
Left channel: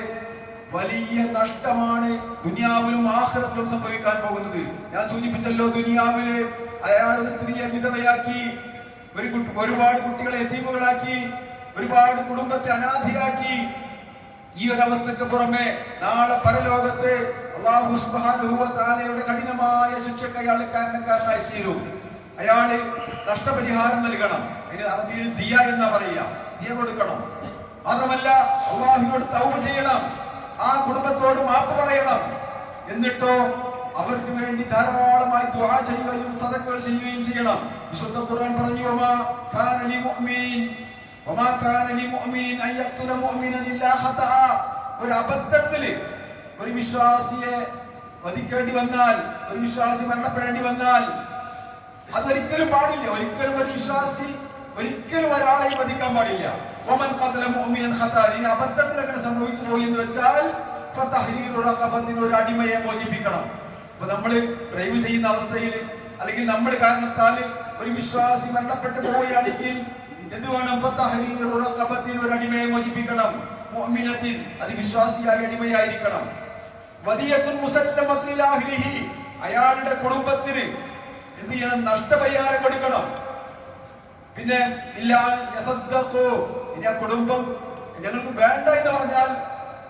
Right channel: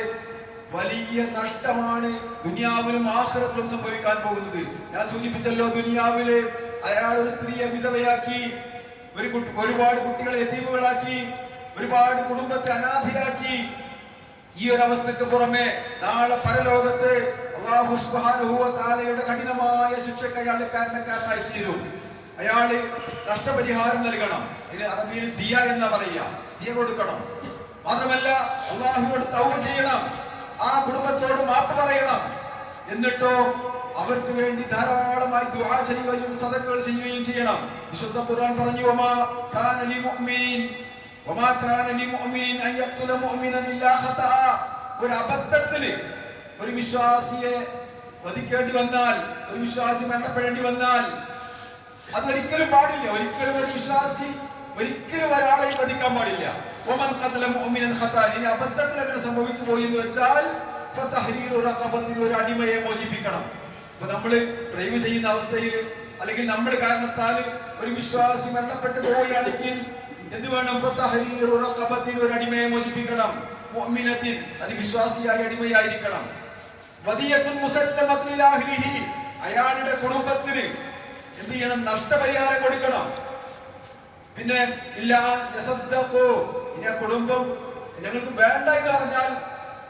വലിയ നഷ്ടമാണ് ദുനിയാവിലും ആഖിറത്തിലും സംഭവിക്കാൻ പോകുന്നത്. ഞാൻ സൂചിപ്പിച്ചല്ലോ, ദുനിയാവില് അയാൾ ഒരു സ്ത്രീയെ വിധവയാക്കി, ഒരുപാട് കുട്ടികളെ യതീമുകളാക്കി, ഒരുപാട് കുടുംബത്തെ അനാഥയാക്കി. ഈ ഒരു അവസ്ഥക്ക് പുറമെ നാളെ പരലോകത്ത് അല്ലാഹു സുബ്ഹാനഹു വ തആലയുടെ കഠിനമായ ശിക്ഷയ്ക്ക് അയാൾ കാരണക്കാരനായി തീരും. അയാള് നഷ്ടപരിഹാരം നൽകണം. ഇതിന് അറബിയിൽ ദിയ എന്നാ പറയുക. ദിയ കൊടുക്കണം. മാത്രമല്ല അല്ലാഹുവിനോട് തൗബ ചെയ്യണം. ആ കുടുംബത്തോട് മാപ്പ് പറയണം. എന്നിട്ടോ അവർക്ക് വേണ്ടി ധാരാളമായി ദുആ ചെയ്യുകയും സദഖകൾ ചെയ്യുകയും ചെയ്യണം. വിശുദ്ധ ഖുർആൻ പറഞ്ഞു, വമാ കാന ലിമുഅ്മിനിൻ അൻ യഖ്തുല മുഅ്മിനൻ ഇല്ലാ ഖതഅ. ഒരു അബദ്ധത്തിൽ ഒരു വിശ്വാസിയെ വധിക്കേണ്ടി വന്നാൽ, ഒരു വിശ്വാസി മരണപ്പെടേണ്ടി വന്നാൽ അതൊരിക്കലും പാടില്ല. ഒരിക്കലും ഒരു വിശ്വാസി ഒരിക്കലും ഒരാളെ വധിക്കാൻ പാടില്ല. വമൻ ഖതല മുഅ്മിനൻ ഖതഅ. ഇനി അബദ്ധത്തിൽ അങ്ങനെ സംഭവിച്ചു പോയി എന്ന് വെച്ചാൽ ഫതഹ്രീറു റഖബത്തിൻ, ഒരു അടിമയെ മോചിപ്പിക്കണം. അപ്പൊ നമ്മൾ ഡ്രൈവ് ചെയ്യുന്ന അവസ്ഥയിൽ അല്ലെങ്കിൽ നമ്മൾ കാരണത്താൽ ഒരു വിശ്വാസി മരണപ്പെട്ടു പോവുകയാണെങ്കിൽ എന്ത് വേണം? ഫതഹ്രീറു റഖബത്തിൻ, ഒരു അടിമയെ മോചിപ്പിക്കണം. മുഅ്മിനത്തിൻ, അത് വിശ്വാസിയായ അടിമയായിരിക്കണം. വദിയത്തുൻ മുസല്ലമത്തുൻ ഇലാ അഹ്ലിഹി, അയാളുടെ കുടുംബത്തിന് എന്ത് ചെയ്യണം? നഷ്ടപരിഹാരം കൊടുക്കണം. പിന്നെ ഇല്ലാ യസദ്ദഖു, ഇനി ആ കുടുംബം ഞങ്ങൾക്ക് വേണ്ട എന്ന് പറഞ്ഞാൽ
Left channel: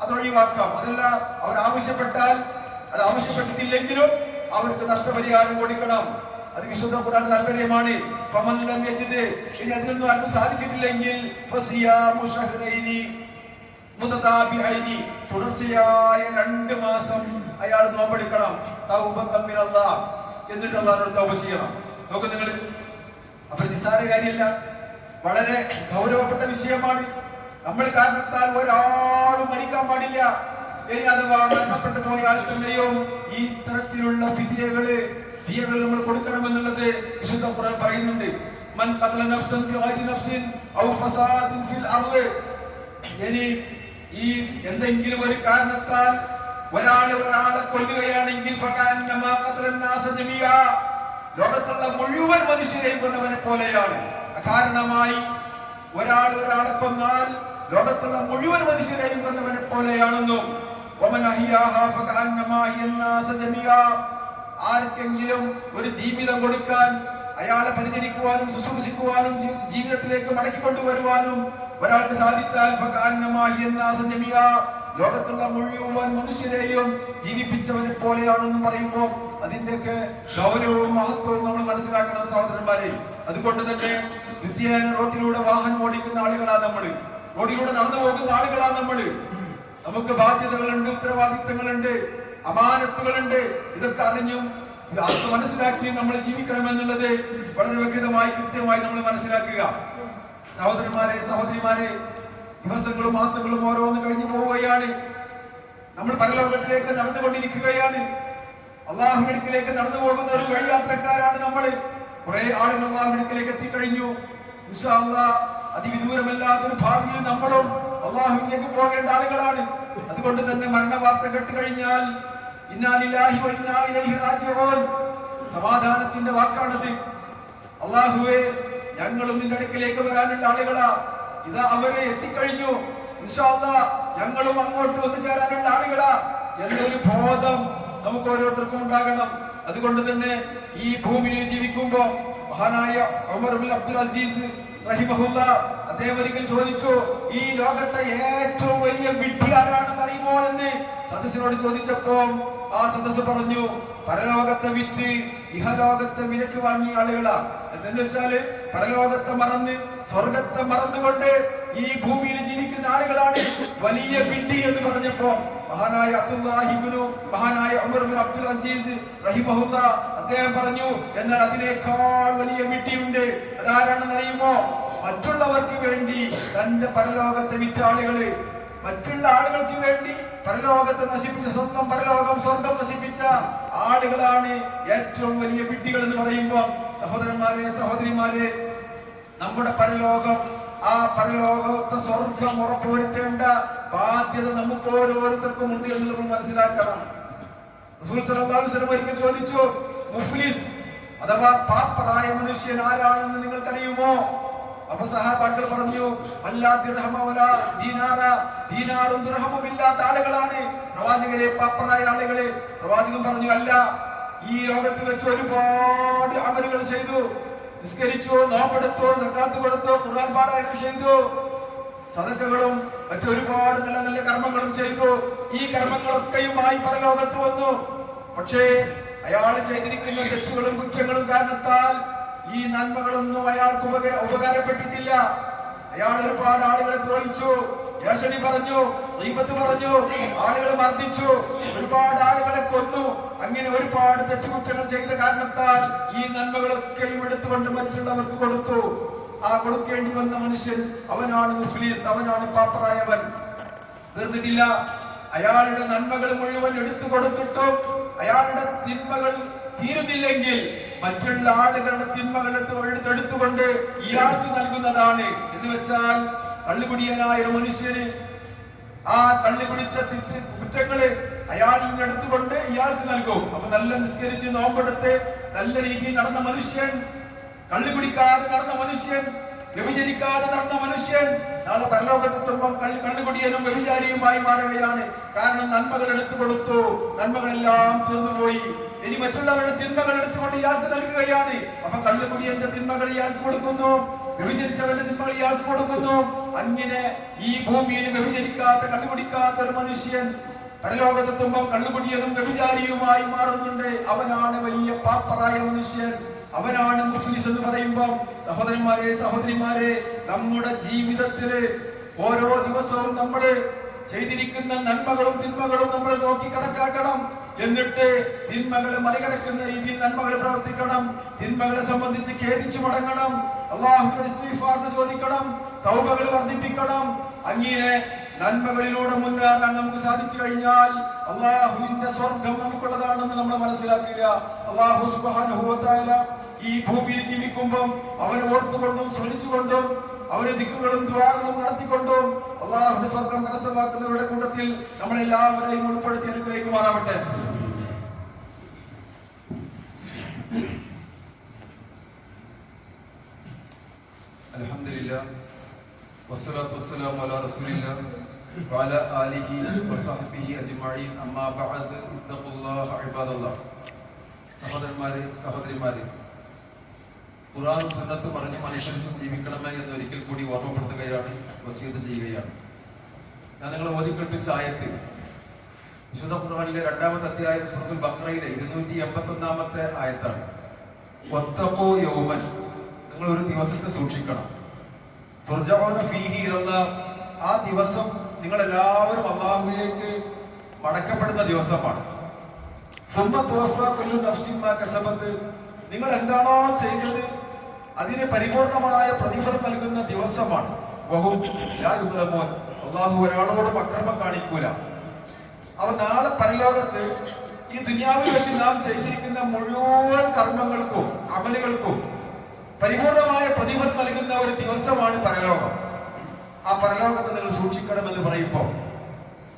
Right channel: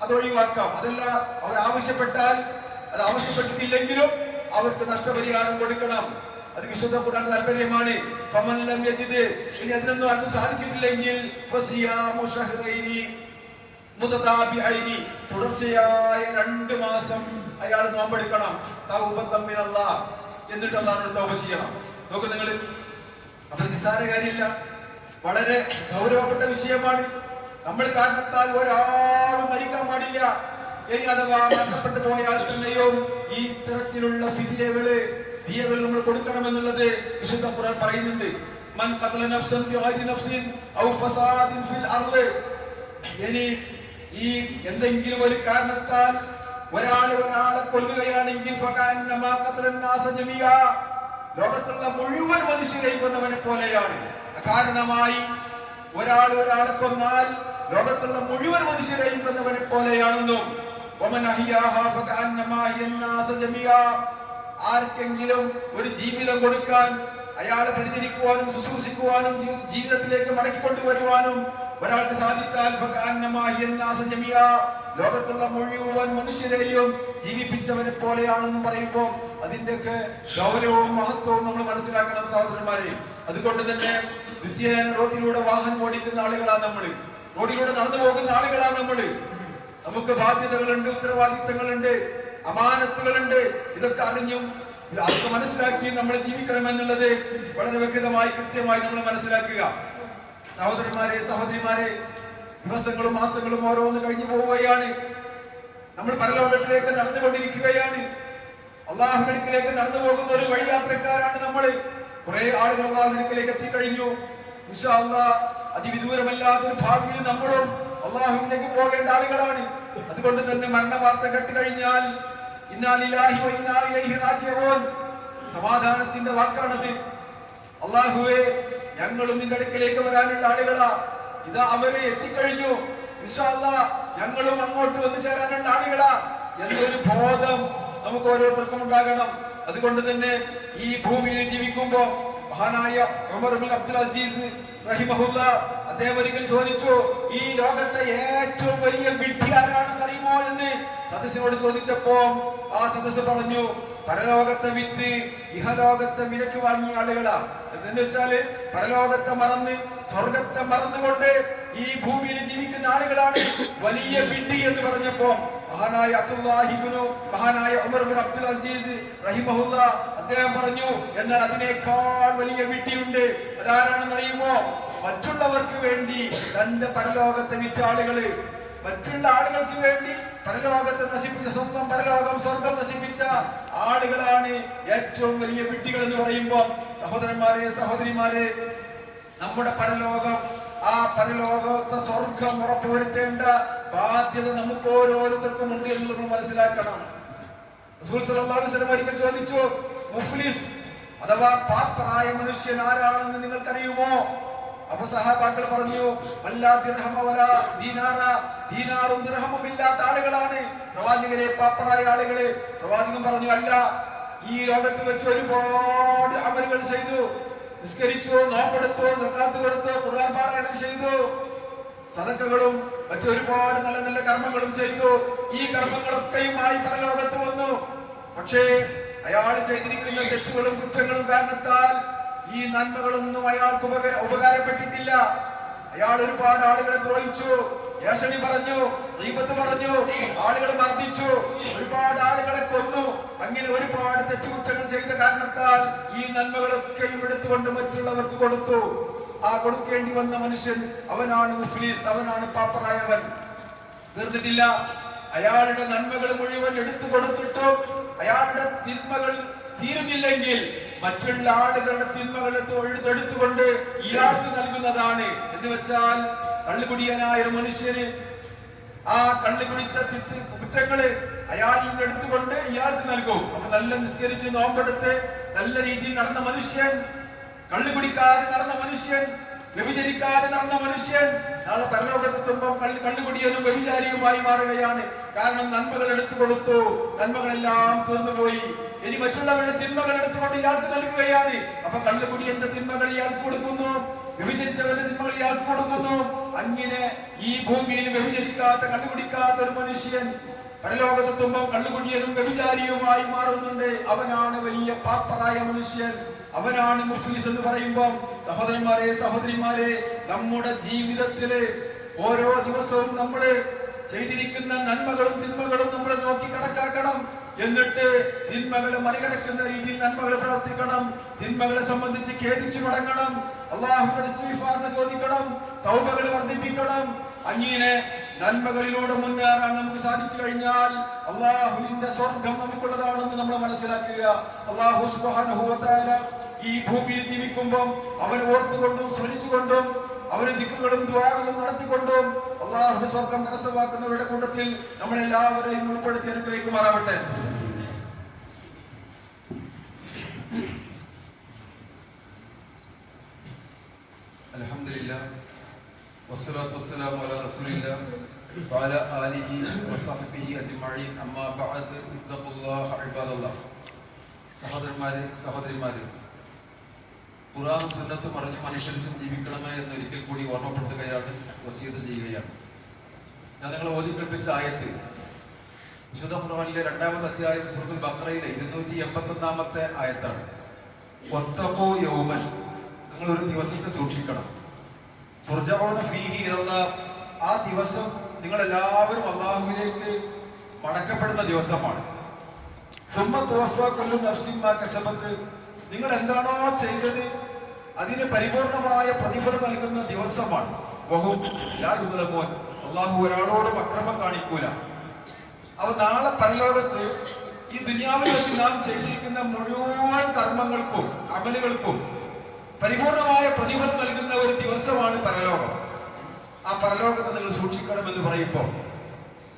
അത് ഒഴിവാക്കാം. അതല്ല, അവർ ആവശ്യപ്പെട്ടാൽ, അത് ആവശ്യപ്പെട്ടിട്ടില്ലെങ്കിലും അവർക്ക് നഷ്ടപരിഹാരം കൊടുക്കണം. അത് വിശുദ്ധ ഖുർആൻ താല്പര്യമാണ്. ഫമൻ ലം യജിദ്, ഇനി അതിനൊന്നും ആർക്കും സാധിച്ചിട്ടില്ലെങ്കിൽ ഫസിയാമു ശഹ്റൈനി മുതതാബിഐനി, തുടർച്ചയായ 2 മാസം അയാൾ നോമ്പെടുക്കണം. തൗബത്തൻ മിനല്ലാഹ്, എന്നിട്ട് അല്ലാഹുവിനോട് തൗബ ചെയ്യണം. നോക്കൂ നിങ്ങൾ, അപ്പൊ നിസ്സാര കാര്യമില്ല, വളരെ ഗൗരവപ്പെട്ട വിഷയമാണ്. നമ്മൾ കാരണത്താൽ ഒരാളും മരിക്കാൻ പാടില്ല. ഇനി അഥവാ മരണപ്പെട്ടു പോയാൽ തന്നെയും ഈ തരത്തിലുള്ള ഫിദിയകള് ദിയകൾ നമ്മൾ കൊടുക്കണമെന്നുള്ളത് വിശുദ്ധ ഖുർആൻ പറയുന്നുണ്ട്. മൻ ഖതല നഫ്സൻ ബിഗൈരി നഫ്സിൻ ഔ ഫസാദിൻ ഫിൽ അർദ്. ഇനി ഈ എന്തെങ്കിലും ഒരു കാരണത്താൽ ഒരാളെ കൊല്ലുകയാണെങ്കിൽ ഫകഅന്നമാ ഖതലൻ നാസ ജമീഅ, ലോകത്തുള്ള മുഴുവൻ മനുഷ്യരെയും കൊന്നവനെ പോലെയാണ്. കാരണമായി ഒരാളെ കൊന്നാൽ ലോകത്തുള്ള മുഴുവൻ മനുഷ്യരെയും കൊന്നവനെ പോലെയാണെന്നും വമൻ അഹ്യാഹാ ഫകഅന്നമാ അഹ്യൻ നാസ ജമീഅ, ആർക്കെങ്കിലും ഒരു ജീവിതം കൊടുക്കാൻ, അയാളെ പരിചരിക്കുവാനും ശുശ്രൂഷിക്കുവാനും ജീവിതത്തിലേക്ക് മടക്കിക്കൊണ്ടുവരുവാനും ഒരാൾക്ക് സാധിച്ചാൽ ഫകഅന്നമാ അഹ്യൻ നാസ ജമീഅ, ലോകത്തുള്ള മുഴുവൻ മനുഷ്യരെയും ജീവിപ്പിച്ചവനെ പോലെയാണെന്ന് പറയുമ്പോൾ അതിന്റെയൊക്കെ ഗൗരവവും മഹത്വവും നമ്മൾ മനസ്സിലാക്കണം സഹോദരന്മാരെ. അതുകൊണ്ട് തന്നെ നിത്യേന റോഡിലൂടെ വാഹനം ഓടിക്കുന്ന ആളുകളാണ് നമ്മള്, റോഡിലൂടെ നടന്നു പോകുന്ന ആളുകളാണ് നമ്മള്. നമുക്ക് ബാധ്യതകളുണ്ട്, ഉത്തരവാദിത്തങ്ങളുണ്ട്, അമാനത്തുകളുണ്ട്. ഇതൊക്കെ അറിഞ്ഞും അത് മനസ്സിലാക്കിയും നമ്മൾ ജീവിക്കണമെന്നുള്ളത് വളരെ വ്യക്തമായി കൃത്യമായി നമ്മൾ മനസ്സിലാക്കുക. സഹോദരന്മാരെ, സഹോദരിമാരെ, ദിവസങ്ങളും മാസങ്ങളും ഓരോന്ന് കഴിഞ്ഞു പോവുകയാണ്. നമ്മൾ പരലോകത്തിലേക്ക് നടന്നുകൊണ്ടിരിക്കുകയാണ്. അള്ളാഹുവിലേക്ക് നടന്നു പോകുന്ന ഒരു വഴിയാത്രക്കാരാണ് നമ്മൾ. കുറെ ആളുകൾ അള്ളാഹുവിലേക്ക് എത്തിക്കഴിഞ്ഞു. ഇൻഷാ അല്ലാഹ് അതിവിദൂരമല്ലാത്തൊരു ഭാവിയിൽ നമ്മളും അള്ളാഹുവിലേക്ക് പോകേണ്ട ആളുകളാണ്. അതുകൊണ്ട് തന്നെ മരണ വാർത്ത കേട്ടുകഴിഞ്ഞാൽ ഇന്നാ ലില്ലാഹി വ ഇന്നാ ഇലൈഹി റാജിഊൻ, സമാധാനത്തിന്റെ വാക്കാണത്. അള്ളാഹുവേ, ഞങ്ങളും നിന്റെ അടുക്കലേക്ക് വരാനുള്ള ആളുകളാ, ഇതാ അവരെ എത്തിക്കഴിഞ്ഞു, ഇൻഷാ അല്ലാഹ് ഞങ്ങളും അങ്ങോട്ട് വന്നു ചേരാനുള്ള ആളുകളാ എന്നൊരു ബോധം നമുക്ക് ഓരോരുത്തർക്കും ഉണ്ടാകണം. അതുകൊണ്ട് തന്നെ ഈ ഭൂമിയിൽ ജീവിക്കുമ്പോ മഹാനായ ഉമർ ഇബ്നു അബ്ദുൽ അസീസ് റഹിമഹുല്ലാഹ് അദ്ദേഹം ഒരിക്കൽ ചോദിച്ചു, ഈ ലോകത്തെ ഏറ്റവും വലിയ വിഡ്ഢി ആരാണെന്ന് അറിയുമോ എന്ന് സദസ്സിനോട് ചോദിച്ചപ്പോ ആ സദസ്സ് പറഞ്ഞു, പരലോകത്തെ വിറ്റ് ഇഹലോകത്തെ വിലക്ക് വാങ്ങിയ ആളുകളാ. എന്ന് വെച്ചാല് പരലോകത്തെ മറന്ന് സ്വർഗത്തെ മറന്നുകൊണ്ട് ഈ ഭൂമിയിൽ ജീവിക്കുന്ന ആളുകളാണ് വലിയ വിഡ്ഢി എന്ന് പറഞ്ഞപ്പോ മഹാനായ ഉമർ ഇബ്നു അബ്ദുൽ അസീസ് റഹിമഹുല്ലാഹ് അദ്ദേഹം പറഞ്ഞു, എന്നാൽ അതിനേക്കാൾ വലിയ വിഡ്ഢിയുണ്ട്. അതാരാണെന്ന് അറിയുമോ? മറ്റുള്ളവർക്ക് വേണ്ടി തന്റെ പരലോകത്തെ വിറ്റ ആളുകള്, മറ്റുള്ള ആളുകൾക്ക് വേണ്ടി പരലോകത്തെ നശിപ്പിച്ച, സ്വന്തം പരലോകം സ്വർഗം നശിപ്പിച്ച ആളുകളാണ് ഏറ്റവും വലിയ വിഡ്ഢികൾ എന്ന് പറയുമ്പോ സഹോദരന്മാരെ, സഹോദരിമാരെ, നമ്മുടെ പരലോകം, ആ പരലോകത്തെ സ്വർഗം ഉറപ്പുവരുത്തേണ്ട ബാധ്യത നമുക്ക് ഓരോരുത്തർക്കും ഉണ്ട് എന്ന് നമ്മൾ മനസ്സിലാക്കണം. റസൂൽ സല്ലല്ലാഹു അലൈഹി വസല്ലം ഒരിക്കൽ ചോദിച്ചു, മുഫ്ലിസ് അഥവാ പാപ്പറായ മനുഷ്യൻ ആരാണെന്ന് നിങ്ങൾക്കറിയുമോ? അപ്പൊ സഹാബാക്കൾ പറഞ്ഞു, വല്ലാ ദിർഹമ വലാ ദീനാറ, ദീനാറും ദിർഹമും ഇല്ലാത്ത ആളുകളാണ് പ്രവാചകരെ പാപ്പറായ ആളുകള്. പ്രവാചകൻ പറഞ്ഞു, അല്ല, ഈ ലോകത്ത് വെച്ച് ഒരുപാട് അമലുകൾ ചെയ്തു, നിസ്കരിച്ചു, നോമ്പെടുത്തു, സക്കാത്ത് കൊടുത്തു, ഖുർആൻ പാരായണം ചെയ്തു, സദഖകളും മറ്റൊരുപാട് നല്ല നല്ല കർമ്മങ്ങളും ചെയ്തു. ഈ കർമ്മങ്ങളൊക്കെയുമായി പരലോകത്ത് വന്നു. പക്ഷേ അയാൾ ചെയ്തിരിക്കുന്ന തെറ്റുകളും കുറ്റങ്ങളും കാരണത്താൽ ഈ നന്മകളൊന്നും അയാൾക്ക് ഉപകാരപ്പെട്ടിട്ടില്ല. അയാൾ ഒരുപാട് ആളുകളെ ദ്രോഹിച്ചു, ഏഷണി പറഞ്ഞു, ദൈവത്ത് പറഞ്ഞു, ആളുകളെ മർദ്ദിച്ചു, ഒരുപാട് ആളുകളെ കൊന്നു. അങ്ങനെ ഒരുപാട് തെറ്റുകുറ്റങ്ങൾ ചെയ്ത കാരണത്താൽ ഈ നന്മകളൊക്കെയും എടുത്തുകൊണ്ട് മറ്റുള്ളവർക്ക് കൊടുത്തു. ആ കൊടുക്കേണ്ടി വന്ന മനുഷ്യൻ അവനാണ് മുഫ്ലിസ്, അവനാണ് പാപ്പറായവൻ. തീർന്നിട്ടില്ല, അയാളുടെ നന്മകൾ മുഴുവൻ എടുത്തു കൊടുത്തിട്ടും അയാളുടെ തിന്മകൾ തീരുന്നില്ലെങ്കിൽ മറ്റുള്ള ആളുകളുടെ തിന്മകൾ എടുത്തുകൊണ്ട് ഇയാൾക്ക് നൽകുന്നതാണ്. എന്ന് വെച്ചാൽ കള്ളുകുടിയനായ ഒരു മനുഷ്യന് ആ കള്ളുകുടിച്ച കുറ്റങ്ങള് അയാളിൽ നിന്ന് എടുത്തുകൊണ്ട് ഇയാൾക്ക് നൽകും. അപ്പൊ നല്ല നിസ്കരിച്ച് നോമ്പെടുത്ത് നല്ല രീതിയിൽ നടന്ന മനുഷ്യൻ, കള്ളുകുടിക്കാതെ നടന്ന മനുഷ്യൻ, വ്യഭിചരിക്കാതെ നടന്ന മനുഷ്യൻ നാളെ പരലോകത്തെത്തുമ്പോൾ കള്ളുകുടിയനും വ്യഭിചാരിയുമായി മാറുകയാണ്. കാരണം നന്മകൾ എടുത്തു കൊടുത്തു, നന്മകളെല്ലാം തീർന്നുപോയി. ഇനി മറ്റുള്ളവരുടെ തിന്മകൾ എടുത്തുകൊണ്ട് ഇയാൾക്ക് നൽകുകയാണ്. അപ്പൊ കള്ളുകുടിയന്റെ തിന്മകൾ ഇയാൾക്ക് കൊടുക്കുന്നു, വ്യഭിചരിച്ചവന്റെ തിന്മകൾ ഇയാൾക്ക് കൊടുക്കുന്നു. അങ്ങനെ ഈ ഭൂമിയിൽ വ്യഭിചരിക്കാത്ത, കള്ളുകുടിക്കാത്ത ഒരു മനുഷ്യൻ പരലോകത്തെത്തുമ്പോൾ കള്ളുകുടിയനും വ്യഭിചാരിയുമായി മാറുന്നുണ്ട്. അവനാണ് വലിയ പാപ്പറായ മനുഷ്യൻ, അവനാണ് മുഫ്ലിസ് എന്ന് പറയുമ്പോൾ സഹോദരന്മാരെ, സഹോദരിമാരെ, നമ്മുടെ ജീവിതത്തില് ഓരോ ദിവസവും നമ്മൾ ചെയ്തിരിക്കുന്ന നന്മകളും തിന്മകളും നമ്മൾ നോക്കി കണക്കാക്കണം. എന്നിട്ട് തിന്മകളെ മറികടക്കുന്ന രീതിയിൽ നന്മകൾ പ്രവർത്തിക്കണം. തിന്മകളെ സംബന്ധിച്ച് ഖേദിച്ചു മടങ്ങണം. അള്ളാഹുവിന്റെ ഇസ്തിഗ്ഫാർ ചോദിക്കണം. തൗബകൾ വർദ്ധിപ്പിക്കണം. അങ്ങനെ നന്മകളിലൂടെ മുന്നേറാൻ നമുക്ക് സാധിച്ചു കഴിഞ്ഞാൽ അള്ളാഹുവിന്റെ സ്വർഗം നമുക്കുള്ളതാണെന്ന് നമ്മൾ മനസ്സിലാക്കുക. അള്ളാഹു സുബ്ഹാനഹു വ തആല ഈ ഭൂമിയിൽ ജീവിക്കുമ്പോൾ അവനെ ഓർത്തുകൊണ്ടും സ്മരിച്ചുകൊണ്ടും അവന് ദിക്റുകളും ദുആകളും നടത്തിക്കൊണ്ടും അള്ളാഹുവിന്റെ സ്വർഗം കരസ്ഥമാക്കുന്നവരുടെ കൂട്ടത്തിൽ നമ്മളെല്ലാവരെയും ഉൾപ്പെടുത്തി അനുഗ്രഹിക്കുമാറാവട്ടെ. അൽഹംദുലില്ലാഹ് വസ്സലാത്തു വസ്സലാമു അലാ റസൂലില്ലാഹ് വഅലാ ആലിഹി വസഹ്ബിഹി അജ്മഈൻ. അമ്മാ ബഅദ് ഇത്തഖുല്ലാഹ ഇബാദല്ലാഹ്. സഹോദരന്മാരെ, സഹോദരിമാരെ, ഖുർആൻ സുന്നത്ത് പറഞ്ഞ് അനുസരിച്ചും ജീവിക്കണമേ എന്ന് ഒരിക്കൽ കൂടി ഓർമ്മപ്പെടുത്തുകയാണ്, വസിയത്ത് ചെയ്യുകയാണ്. ഞാൻ നിങ്ങളെ ഓതി കേൾപ്പിച്ച ആയത്ത് വിശുദ്ധ ഖുർആനിലെ 2-ാമത്തെ അധ്യായം സൂറത്തുൽ ബഖറയിലെ 281-ാമത്തെ ആയത്താണ്. വത്തഖൂ യൗമൻ, നിങ്ങൾ ഒരു ദിവസത്തെ സൂക്ഷിക്കണം. തുർജഊന ഫീഹി ഇലല്ലാഹ്, ആ ദിവസം നിങ്ങൾ എല്ലാവരും അല്ലാഹുവിലേക്ക് മടക്കപ്പെടുന്ന ദിവസമാണ്. സുമ്മ തുവഫാ കുല്ലു നഫ്സിൻ മാ കസബത്, നിങ്ങൾ എന്താണോ ചെയ്തത് അതിന് പരിപൂർണമായ പ്രതിഫലം നൽകുന്ന ദിവസമാണ്. വഹും ലാ യുദ്ലമൂൻ, അല്ലാഹു ഒരാളോടും അക്രമം കാണിക്കൂല. അവ നാളെ പരലോകത്ത് ഈ ദുനിയാവിൽ വെച്ച് നാം ചെയ്തിരിക്കുന്ന മുഴുവൻ കർമ്മങ്ങൾക്കും അമലുകൾക്കും പരിപൂർണമായ പ്രതിഫലം നൽകുന്ന ഒരു ദിവസമാണ് പരലോകം. ആ പരലോകത്തെ നിങ്ങൾ സൂക്ഷിക്കണമെന്ന് പറയുമ്പോൾ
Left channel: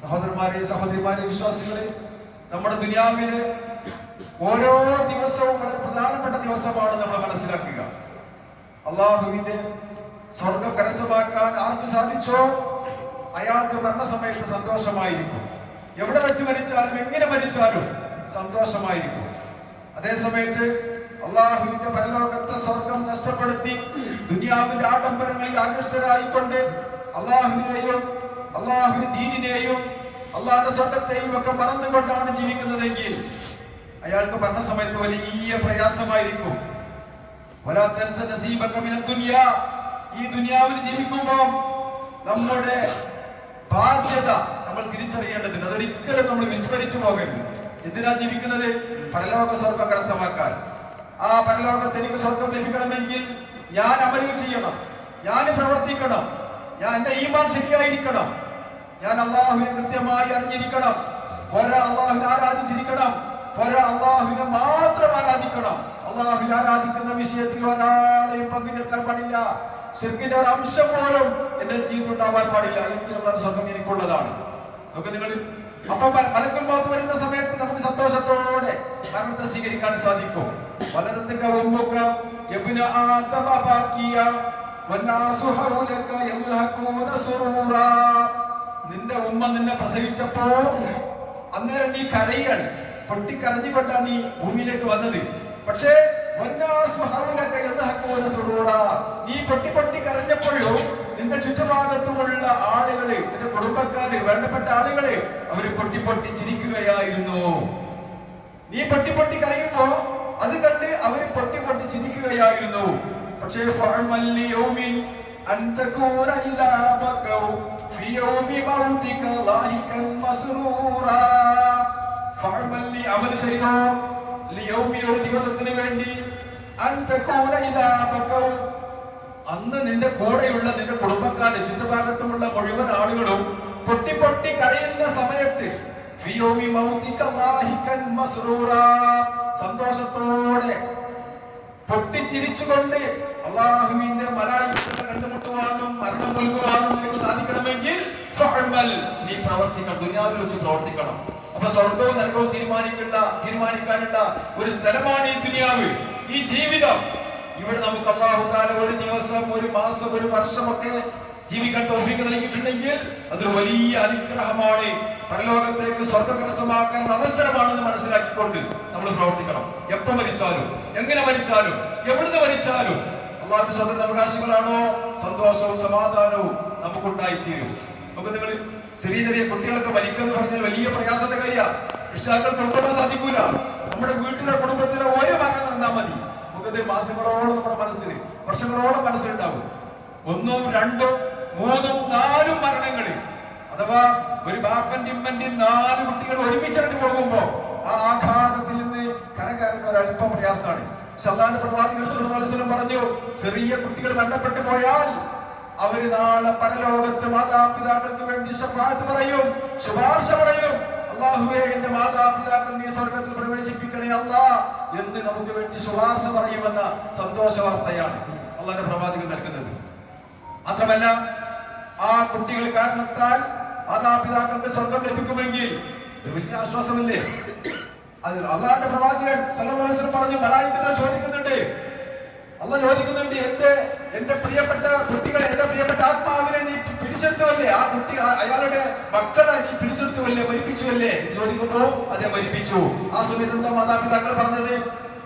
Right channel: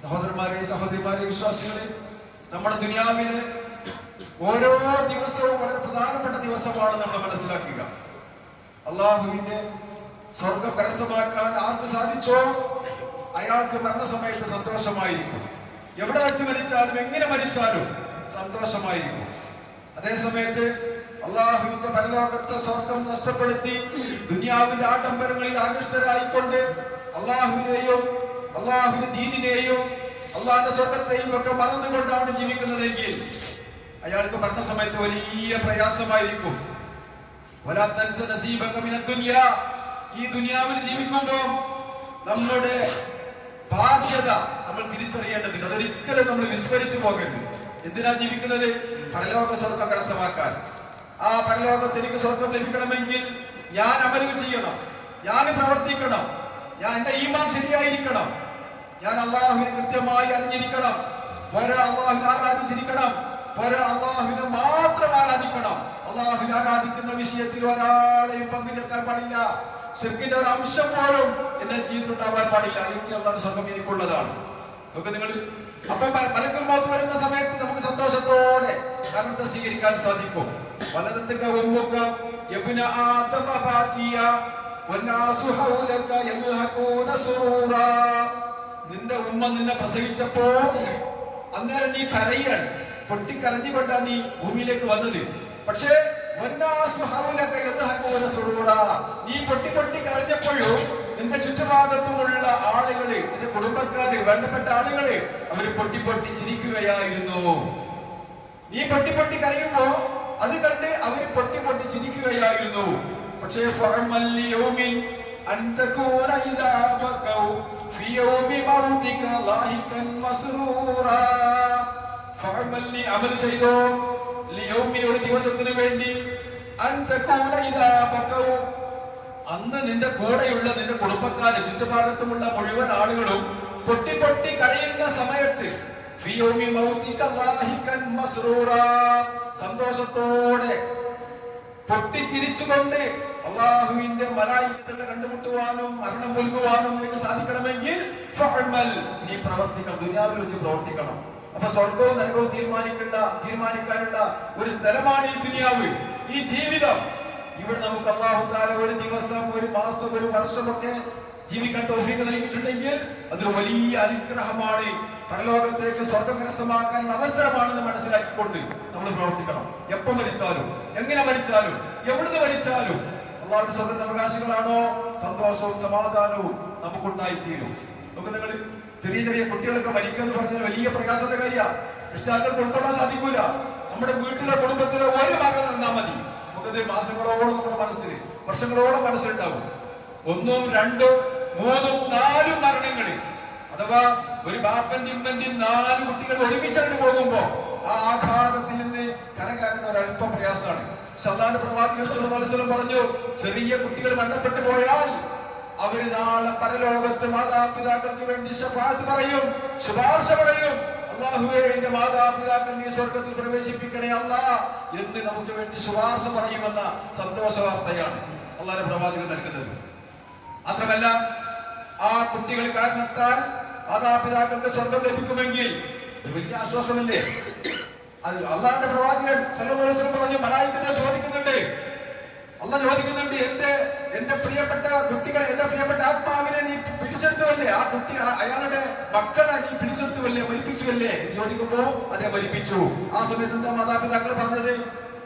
സഹോദരന്മാരെ, സഹോദരിമാരെ, വിശ്വാസികളെ, നമ്മുടെ ദുനിയാവില് ഓരോ ദിവസവും വളരെ പ്രധാനപ്പെട്ട ദിവസമാണ് നമ്മൾ മനസ്സിലാക്കുക. അള്ളാഹുവിന്റെ സ്വർഗം കരസ്ഥമാക്കാൻ ആർക്ക് സാധിച്ചോ അയാൾക്ക് മരണസമയത്ത് സന്തോഷമായിരിക്കും. എവിടെ വെച്ച് മരിച്ചാലും എങ്ങനെ മരിച്ചാലും സന്തോഷമായിരിക്കും. അതേസമയത്ത് അള്ളാഹുവിന്റെ പരലോകത്തെ സ്വർഗം നഷ്ടപ്പെടുത്തി ദുനിയാവിന്റെ ആഡംബരങ്ങളിൽ ആകൃഷ്ടരായിക്കൊണ്ട് അള്ളാഹുവിനെയും അള്ളാഹുവിന്റെ ദീനിനെയും അള്ളാഹുന്റെ സ്വർഗത്തെയും ഒക്കെ മറന്നുകൊണ്ടാണ് ജീവിക്കുന്നതെങ്കിൽ അയാൾക്ക് മരണസമയത്ത് വലിയ പ്രയാസമായിരിക്കും. ഈ ദുനിയാവിൽ ജീവിക്കുമ്പോൾ നമ്മുടെ ബാധ്യത നമ്മൾ തിരിച്ചറിയേണ്ടതുണ്ട്. അതൊരിക്കലും നമ്മൾ വിസ്മരിച്ചു പോകരുത്. എന്തിനാ ജീവിക്കുന്നത്? പരലോക സ്വർഗം കരസ്ഥമാക്കാൻ. ആ പരലോകത്ത് എനിക്ക് സ്വർഗം ലഭിക്കണമെങ്കിൽ ഞാൻ അമലുകൾ ചെയ്യണം, ഞാൻ പ്രവർത്തിക്കണം, ഞാൻ എന്റെ ഈമാൻ ശരിയായിരിക്കണം, ഞാൻ അള്ളാഹുവിനെ കൃത്യമായി അറിഞ്ഞിരിക്കണം, പോരാ അള്ളാഹുവിനെ ആരാധിച്ചിരിക്കണം, പോരാ അള്ളാഹുവിനെ മാത്രം ആരാധിക്കണം. അള്ളാഹുവിനെ ആരാധിക്കുന്ന വിഷയത്തിൽ ഒരാളെയും പങ്കുചേർക്കാൻ പാടില്ല. ശിർക്കിന്റെ ഒരു അംശം പോലും എന്റെ ജീവിതത്തിൽ ഉണ്ടാവാൻ പാടില്ല. എന്നുള്ള സ്വർഗം എനിക്കുള്ളതാണ്. നമുക്ക് നിങ്ങൾ അപ്പൊ മലക്കുൽ മൗത്ത് വരുന്ന സമയത്ത് നമുക്ക് സന്തോഷത്തോടെ മരണത്തെ സ്വീകരിക്കാൻ സാധിക്കും. വലദത്തുക ഉമ്മുക യബ്ന ആദമ ബാക്കിയ വന്നാസു ഹൗലക യൽഹഖൂന സുറൂറാ. നിന്റെ ഉമ്മ നിന്നെ പ്രസവിച്ചപ്പോ അന്നേരം നീ കരയാണ്, പൊട്ടിക്കരഞ്ഞുകൊണ്ടാണ് നീ ഭൂമിയിലേക്ക് വന്നത്. പക്ഷേ നീ പൊട്ടി കരഞ്ഞപ്പോഴും നിന്റെ ചുറ്റുഭാഗത്തുമുള്ള ആളുകള്, നിന്റെ കുടുംബക്കാര്, വേണ്ടപ്പെട്ട ആളുകള് അവര് പൊട്ടി ചിരിക്കുകയായിരുന്നു. നീ പൊട്ടി കരയുമ്പോ അത് കണ്ട് അവര് പൊട്ടി ചിരിക്കുകയായിരുന്നു. പക്ഷേ അമൽ ചെയ്തോ ഒരു ദിവസത്തിന് വേണ്ടി അന്ന് നിന്റെ കൂടെയുള്ള നിന്റെ കുടുംബക്കാര്, ചുറ്റുഭാഗത്തുമുള്ള മുഴുവൻ ആളുകളും പൊട്ടി കരയുന്ന സമയത്ത് സന്തോഷത്തോടെ പൊട്ടിച്ചിരിച്ചുകൊണ്ട് അള്ളാഹുവിന്റെ മലായികത്തെ കണ്ടുമുട്ടുവാനും മരണം നൽകുവാനും നിനക്ക് സാധിക്കണമെങ്കിൽ നീ പ്രവർത്തിക്കണം, ദുനിയാവിൽ വെച്ച് പ്രവർത്തിക്കണം. അപ്പൊ സ്വർഗവും നരകവും തീരുമാനിക്കാനുള്ള ഒരു സ്ഥലമാണ് ഈ ദുനിയാവ്, ഈ ജീവിതം. ഇവിടെ നമുക്ക് അല്ലാഹു തആല ഒരു ദിവസം, ഒരു മാസം, ഒരു വർഷമൊക്കെ ജീവിക്കാൻ തൗഫീഖ് നൽകിയിട്ടുണ്ടെങ്കിൽ അതൊരു വലിയ അനുഗ്രഹമാണ്. പരലോകത്തേക്ക് സ്വർഗം കരസ്ഥമാക്കാനുള്ള അവസരമാണെന്ന് മനസ്സിലാക്കിക്കൊണ്ട് നമ്മൾ പ്രവർത്തിക്കണം. എപ്പോ മരിച്ചാലും, എങ്ങനെ മരിച്ചാലും, എവിടുന്ന് മരിച്ചാലും അള്ളാഹുവിന്റെ സ്വർഗത്തിന്റെ അവകാശികളാണോ സന്തോഷവും സമാധാനവും നമുക്കുണ്ടായിത്തീരും. നമുക്ക് നിങ്ങൾ ചെറിയ കുട്ടികളൊക്കെ മരിക്കുമെന്ന് പറഞ്ഞാൽ വലിയ പ്രയാസത്തിന്റെ കാര്യമാണ്. രക്ഷിതാക്കൾക്ക് ഉൾക്കൊള്ളാൻ സാധിക്കൂല. നമ്മുടെ വീട്ടിലെ കുടുംബത്തിലെ ഒരു മകൻ നടന്നാൽ മതി, നമുക്കത് മാസങ്ങളോളം നമ്മുടെ മനസ്സിൽ, വർഷങ്ങളോളം മനസ്സിലുണ്ടാവും. 1, 2, 3, 4 മരണങ്ങള്, അഥവാ ഒരു ബാപ്പന്റെ ഇമ്മന്റെയും 4 കുട്ടികൾ ഒരുമിച്ചായിട്ട് പോകുമ്പോ ആ ആഘാതത്തിൽ നിന്ന് കരകയറുന്ന ഒരല്പം പ്രയാസമാണ്. അല്ലാഹുവിന്റെ പ്രവാചകൻ സല്ലല്ലാഹു അലൈഹി വസല്ലം പറഞ്ഞു, ചെറിയ കുട്ടികൾ മരണപ്പെട്ടു പോയാൽ അവര് നാളെ പരലോകത്ത് മാതാപിതാക്കൾക്ക് വേണ്ടി ശഫാഅത്ത് പറയും, ശുപാർശ പറയും. അല്ലാഹുവേ, എന്റെ മാതാപിതാക്കൾ നീ സ്വർഗത്തിൽ പ്രവേശിപ്പിക്കണേ അല്ലാഹ് എന്ന് നമുക്ക് വേണ്ടി ശുപാർശ പറയുമെന്ന സന്തോഷ വാർത്തയാണ് അല്ലാഹുവിന്റെ പ്രവാചകൻ നൽകുന്നത്. മാത്രമല്ല, ആ കുട്ടികൾ കാരണത്താൽ മാതാപിതാക്കൾക്ക് സ്വർഗം ലഭിക്കുമെങ്കിൽ വലിയ ആശ്വാസമല്ലേ? അത് അല്ലാഹുവിന്റെ പ്രവാചകൻ സല്ലല്ലാഹു അലൈഹി വസല്ലം പറഞ്ഞു, മലായികകൾ ചോദിക്കുന്നുണ്ട്, അല്ലാഹ് ചോദിക്കുന്നുണ്ട്, എന്റെ പ്രിയപ്പെട്ട കുട്ടികളെ, എന്റെ പ്രിയപ്പെട്ട ആത്മാവിനെ നീ പിടിച്ചെടുത്തുവല്ലേ? ആ കുട്ടി അയാളുടെ മക്കളെ നീ പിടിച്ചെടുത്തുവല്ലേ, മരിപ്പിച്ചുവല്ലേ? ചോദിക്കുമ്പോ അതെ, മരിപ്പിച്ചു. ആ സമയത്ത് എന്താ മാതാപിതാക്കൾ പറഞ്ഞത്?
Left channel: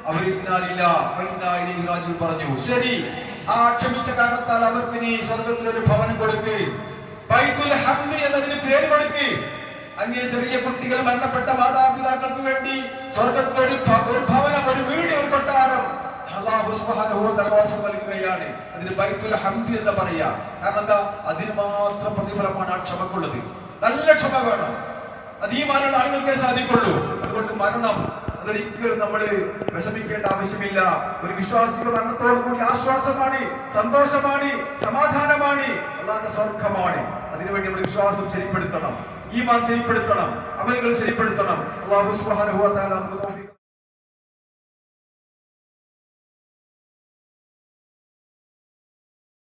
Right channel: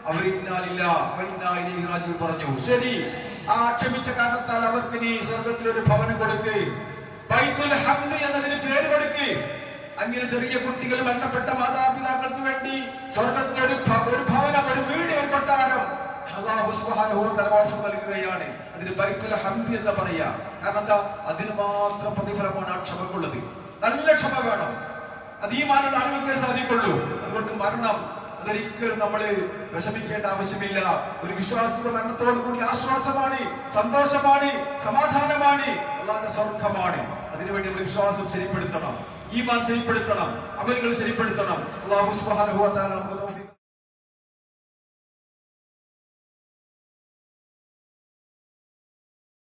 അവരില്ല പറഞ്ഞു, ശരി, ആ ക്ഷമിച്ച കാരണത്താൽ അവർക്ക് നീ സ്വർഗത്തിൽ ഒരു ഭവനം കൊടുക്ക്, ബൈത്തുൽ ഹംദ് എന്നതിന് പേര് കൊടുക്ക്. അങ്ങനെ ചെറിയ കുട്ടികൾ മരണപ്പെട്ട മാതാപിതാക്കൾക്ക് വേണ്ടി സ്വർഗത്തിൽ ഒരു ഭവനം, ഒരു വീട്, ഒരു കൊട്ടാരം അല്ലാഹു സുബ്ഹാനഹു വ തആല ഓഫർ നൽകുകയാണ്. അതിന് ബൈത്തുൽ ഹംദ് എന്ന് പറയാ. കാരണം എന്താ? അതിന് മാത്രം പ്രതിഫലമാണ് ആ ക്ഷമക്കുള്ളത്. നല്ല ക്ഷമ വേണം. അത് ഈ മാനുള്ള ആളുകൾക്കേ സാധിക്കുള്ളൂ. അതുകൊണ്ട് മരണം അതൊരിക്കലും നമ്മൾ വിഷമിക്കേണ്ട ആവശ്യമില്ല. ഒരു വിശ്വാസിയുടെ മരണത്തോടു കൂടി ആശ്വാസമാണ്, സന്തോഷമാണ്, സമാധാനമാണ്, അല്ലാഹുവിന്റെ സ്വർഗ്ഗമാണ്. അതിനുവേണ്ടി നമ്മൾ വിശ്വാസം ശരിപ്പെടുത്തണം, ഈമാൻ ശരിപ്പെടുത്തണം, അമലുകൾ ശരിപ്പെടുത്തണം. അല്ലാഹു സുബ്ഹാനഹു വ തആല നമുക്ക്